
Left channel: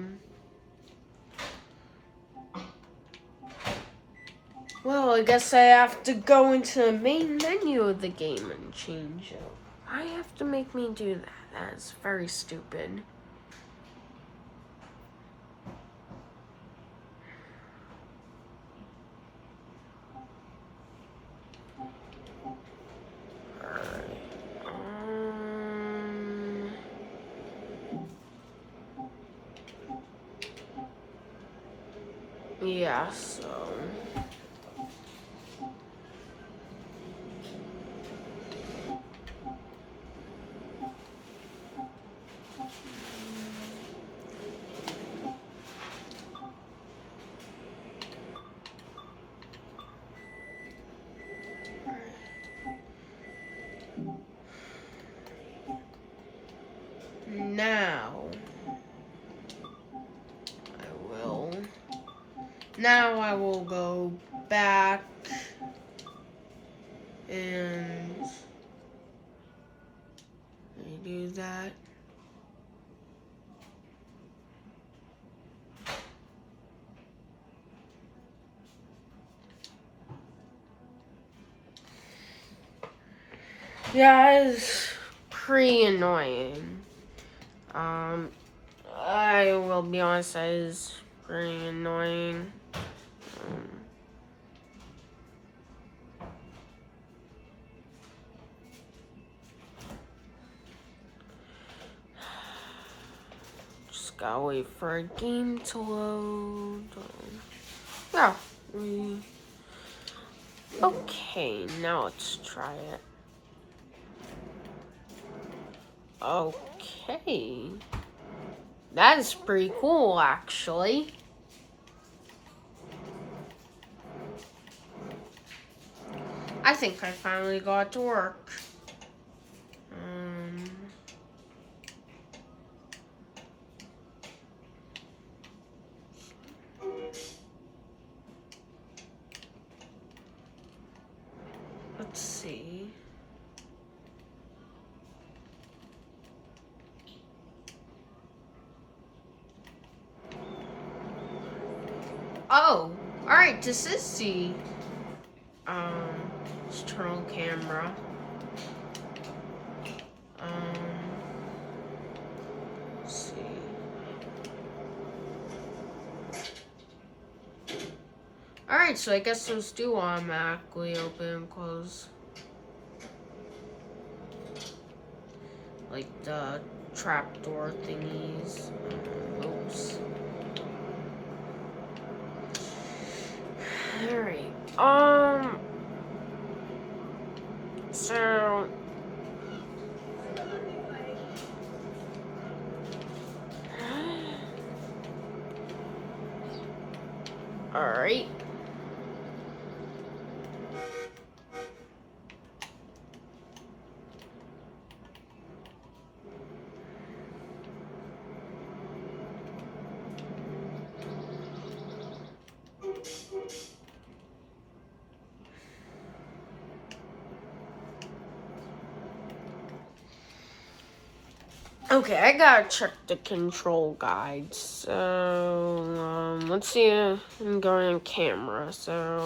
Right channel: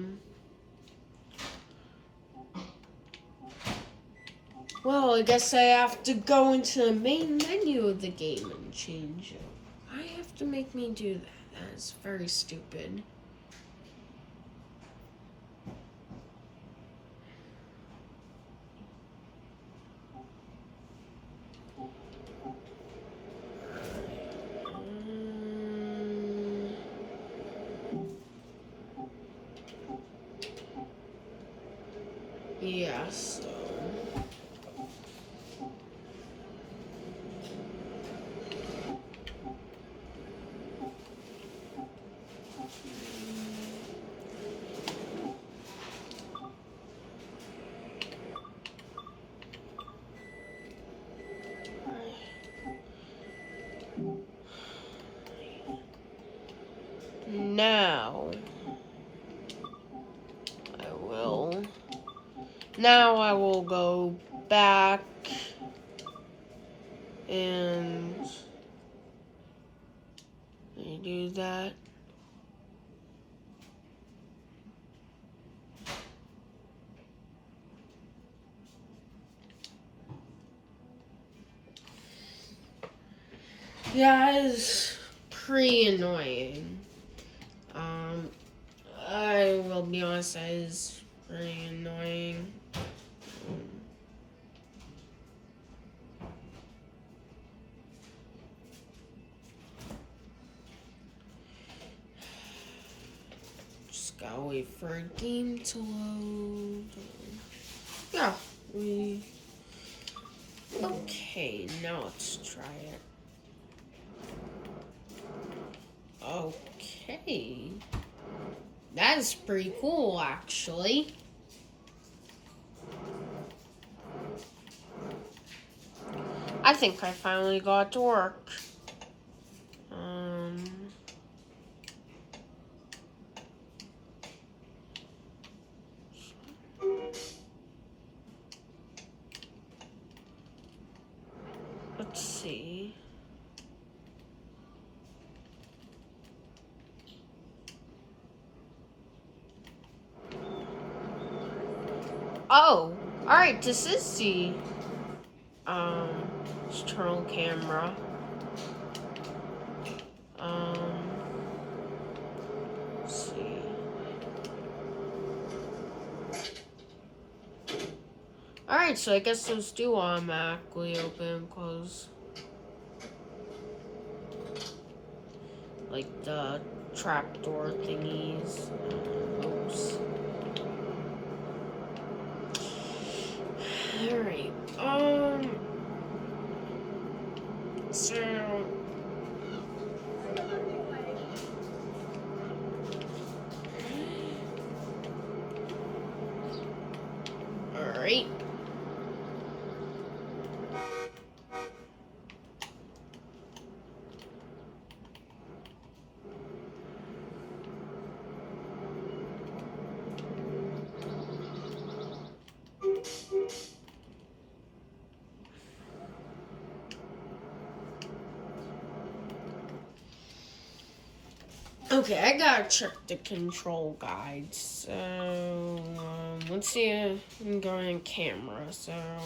I guess I have to go into the main menu of the game and change it. I have to make me do that. That is very stupid. Yeah, so... Now I will go back and redo that. Yeah, it's pretty annoying. I will be honest, that is pretty annoying. Just gotta wait for a game to load. Yeah, okay, now let's try it. Okay. That is pretty cool, actually. I think I finally got it to work. Let's see. Oh, alright, this is the external camera. Let's see. Alright, so I guess those do automatically open and close. Like the trapdoor thingies. Oops. Alright, so... Alright. Okay, I gotta check the control guide. So, let's see. I'm going on camera. So,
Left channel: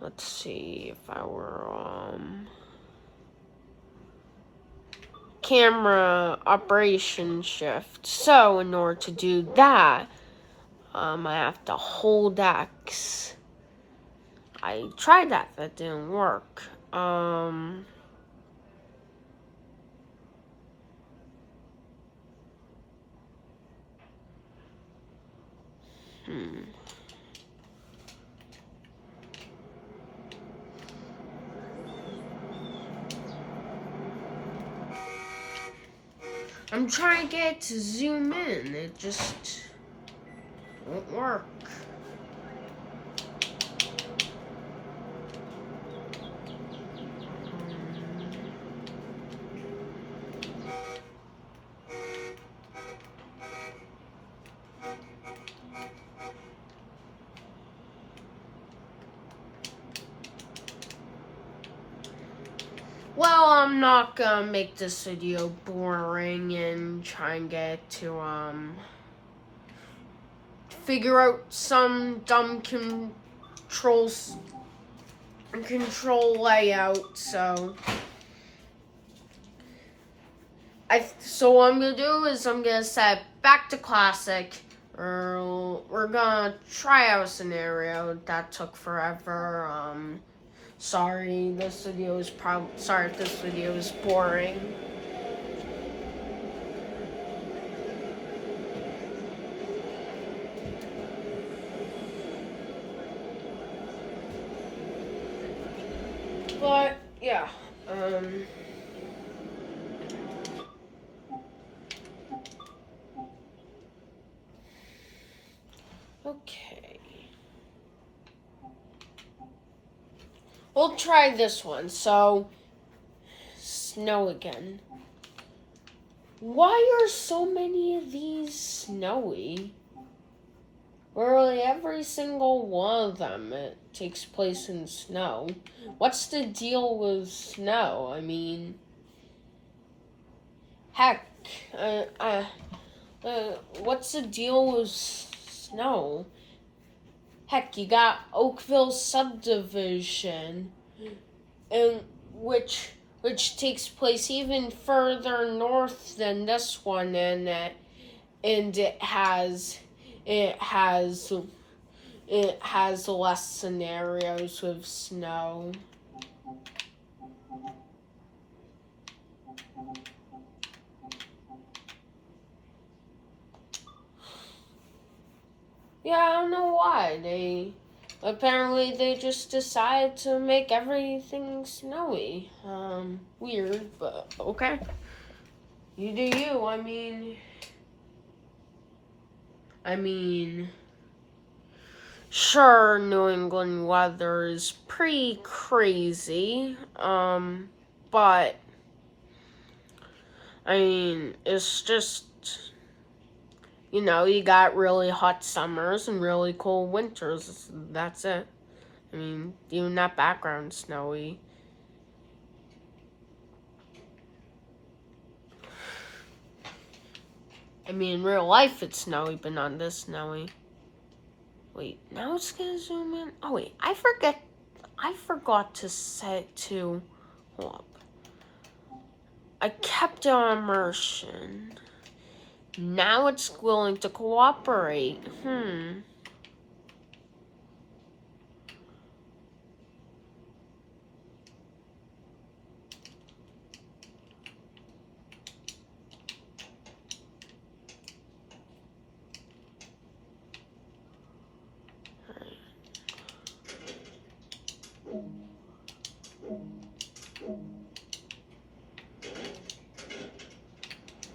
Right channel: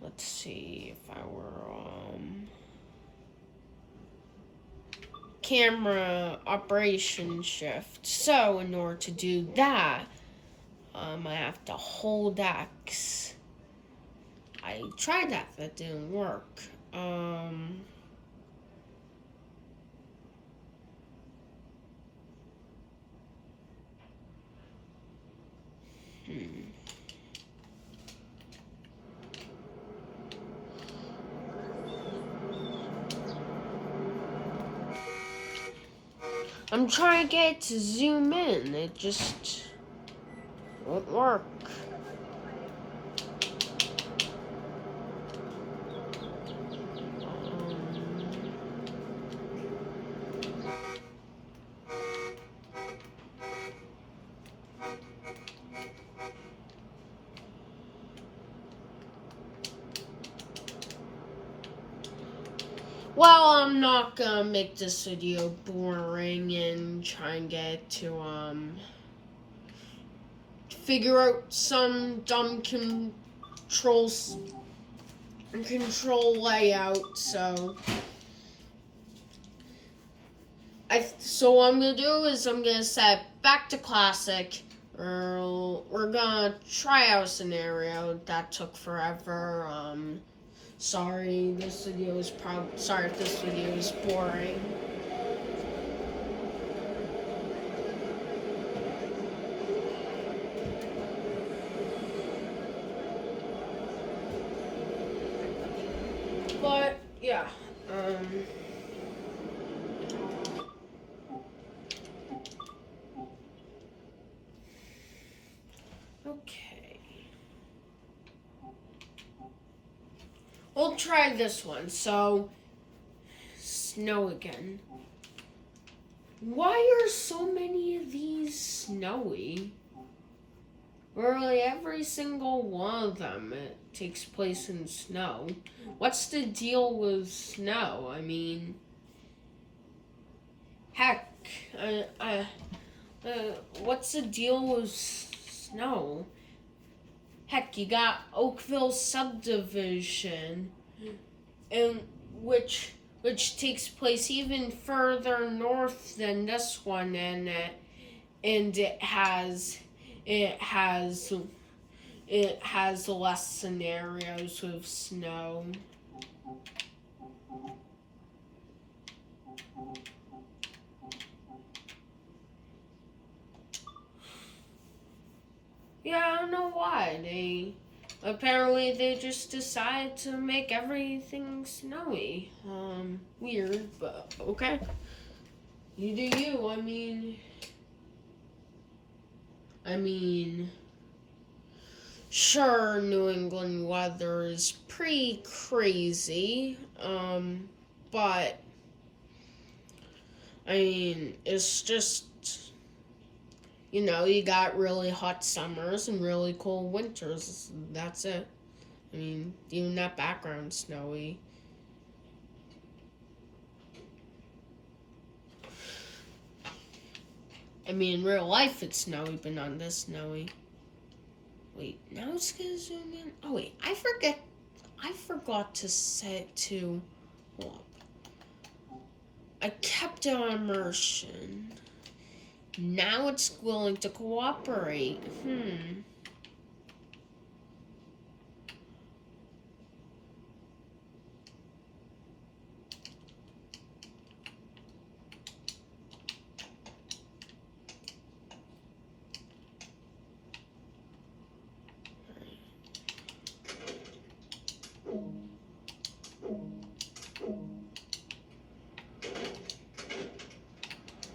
let's see if I were camera operation shift. So, in order to do that, I have to hold X. I tried that. That didn't work. I'm trying to get it to zoom in. It just won't work. Well, I'm not gonna make this video boring and try and get to figure out some dumb control layout. So what I'm gonna do is I'm gonna set back to classic. We're gonna try out a scenario that took forever. Sorry if this video is boring. But yeah, okay. We'll try this one. So, snow again. Why are so many of these snowy? Literally every single one of them it takes place in snow. What's the deal with snow? I mean, heck, what's the deal with snow? Heck, you got Oakville subdivision, and which takes place even further north than this one, and it has less scenarios with snow. Yeah, I don't know why. They just decided to make everything snowy. Weird, but okay. You do you. I mean, sure, New England weather is pretty crazy. But I mean, it's just, you got really hot summers and really cold winters. That's it. I mean, even that background's snowy. I mean, in real life it's snowy, but not this snowy. Wait, now it's gonna zoom in? Oh wait, I forgot to set it to, hold up. I kept it on immersion. Now it's willing to cooperate.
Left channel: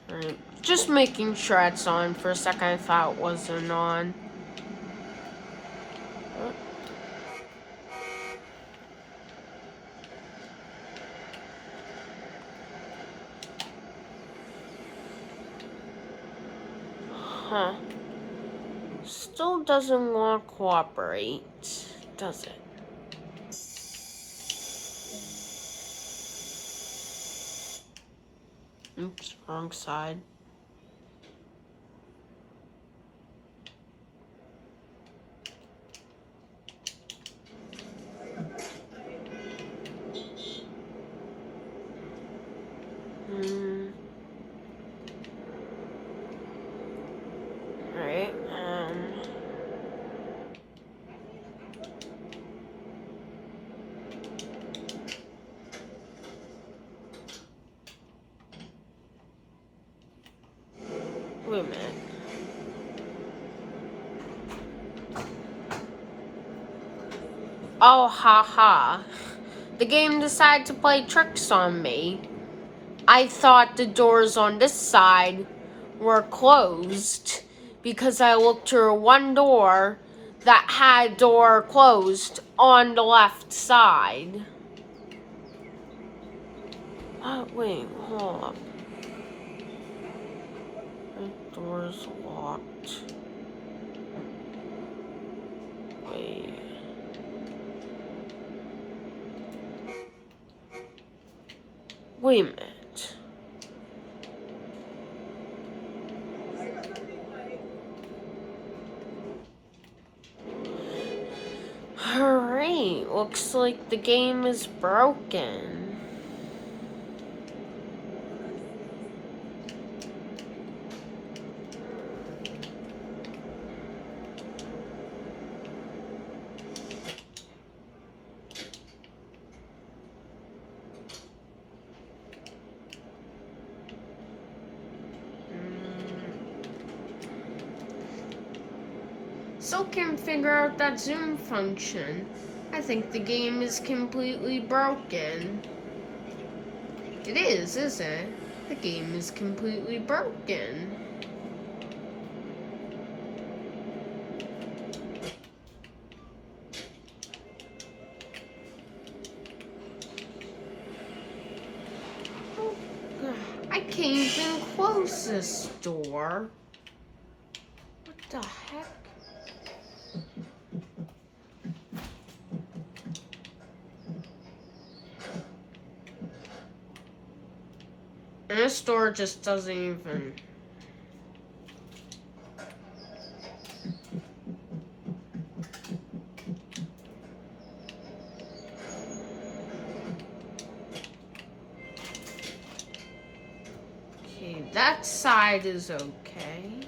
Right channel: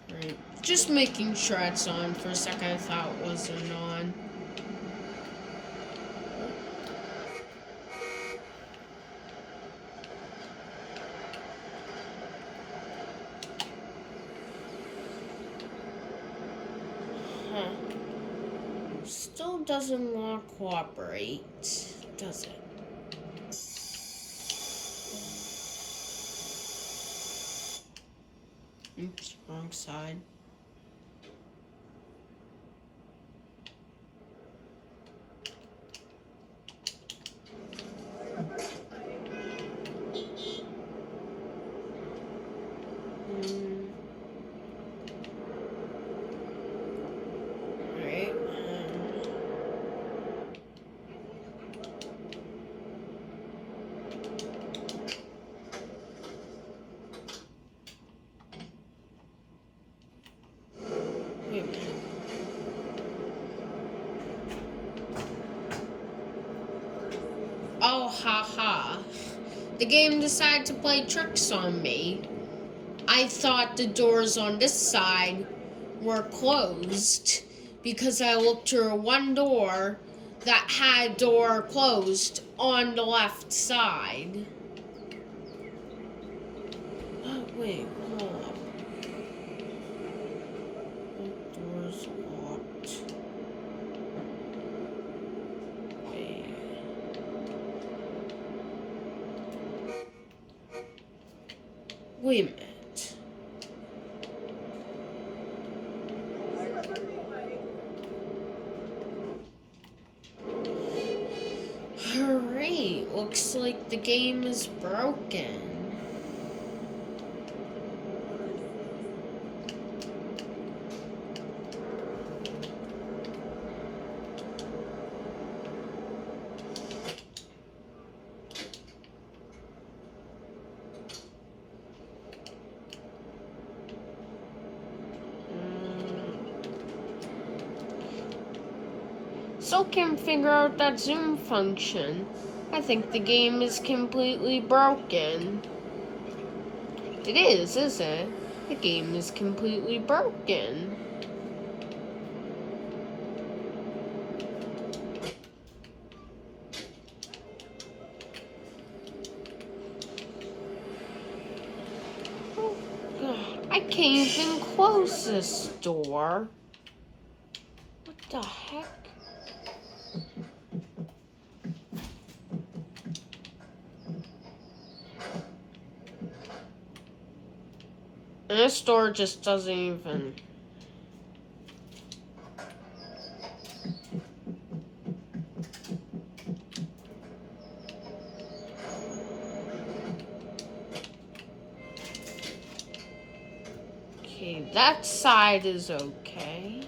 Right. Just making sure it's on. For a second I thought it wasn't on. Huh. Still doesn't want to cooperate, does it? Oops, wrong side. Alright, wait a minute. Oh, haha. The game decided to play tricks on me. I thought the doors on this side were closed because I looked through one door that had door closed on the left side. Oh, wait, hold up. The door's locked. Wait. Wait a minute. Alright, looks like the game is broken. Still can't figure out that zoom function. I think the game is completely broken. It is it? The game is completely broken. Oh, God. I can't even close this door. What the heck? And this door just doesn't even... Okay, that side is okay.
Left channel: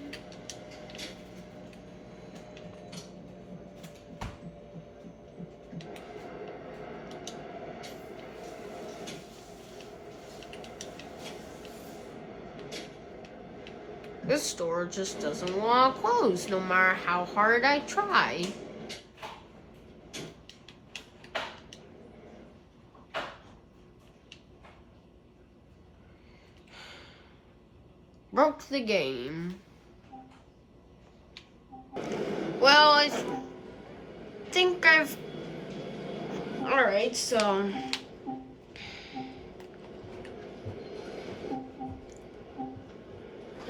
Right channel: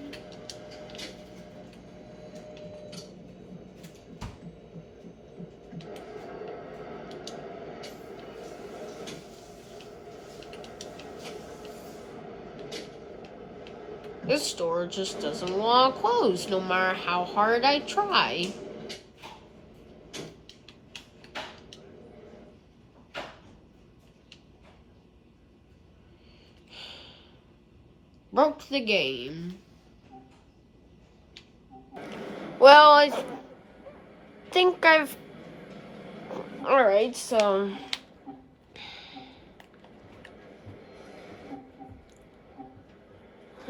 This door just doesn't want to close, no matter how hard I try. Broke the game. Well, I think I've... Alright, so...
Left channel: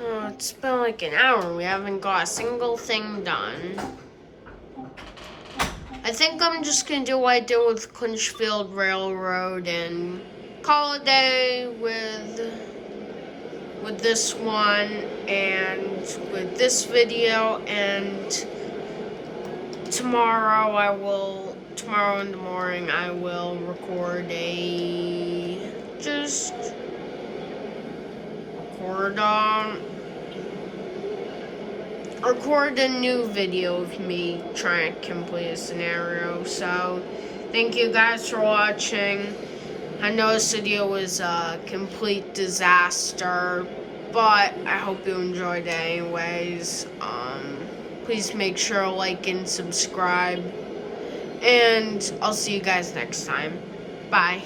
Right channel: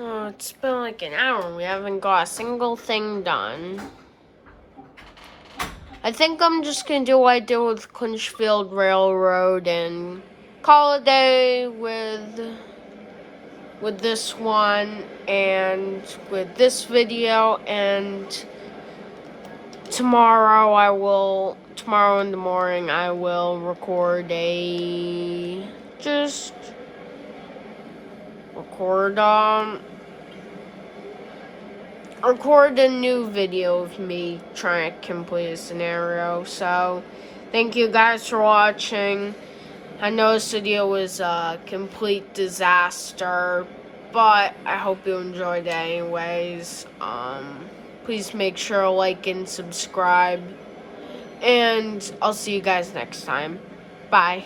Oh, it's been like an hour and we haven't got a single thing done. I think I'm just gonna do what I did with Clinchfield Railroad and call it a day with this one and with this video, and tomorrow in the morning I will record record a new video of me trying to complete a scenario. So, thank you guys for watching. I know this video was a complete disaster, but I hope you enjoyed it anyways. Please make sure to like and subscribe, and I'll see you guys next time. Bye.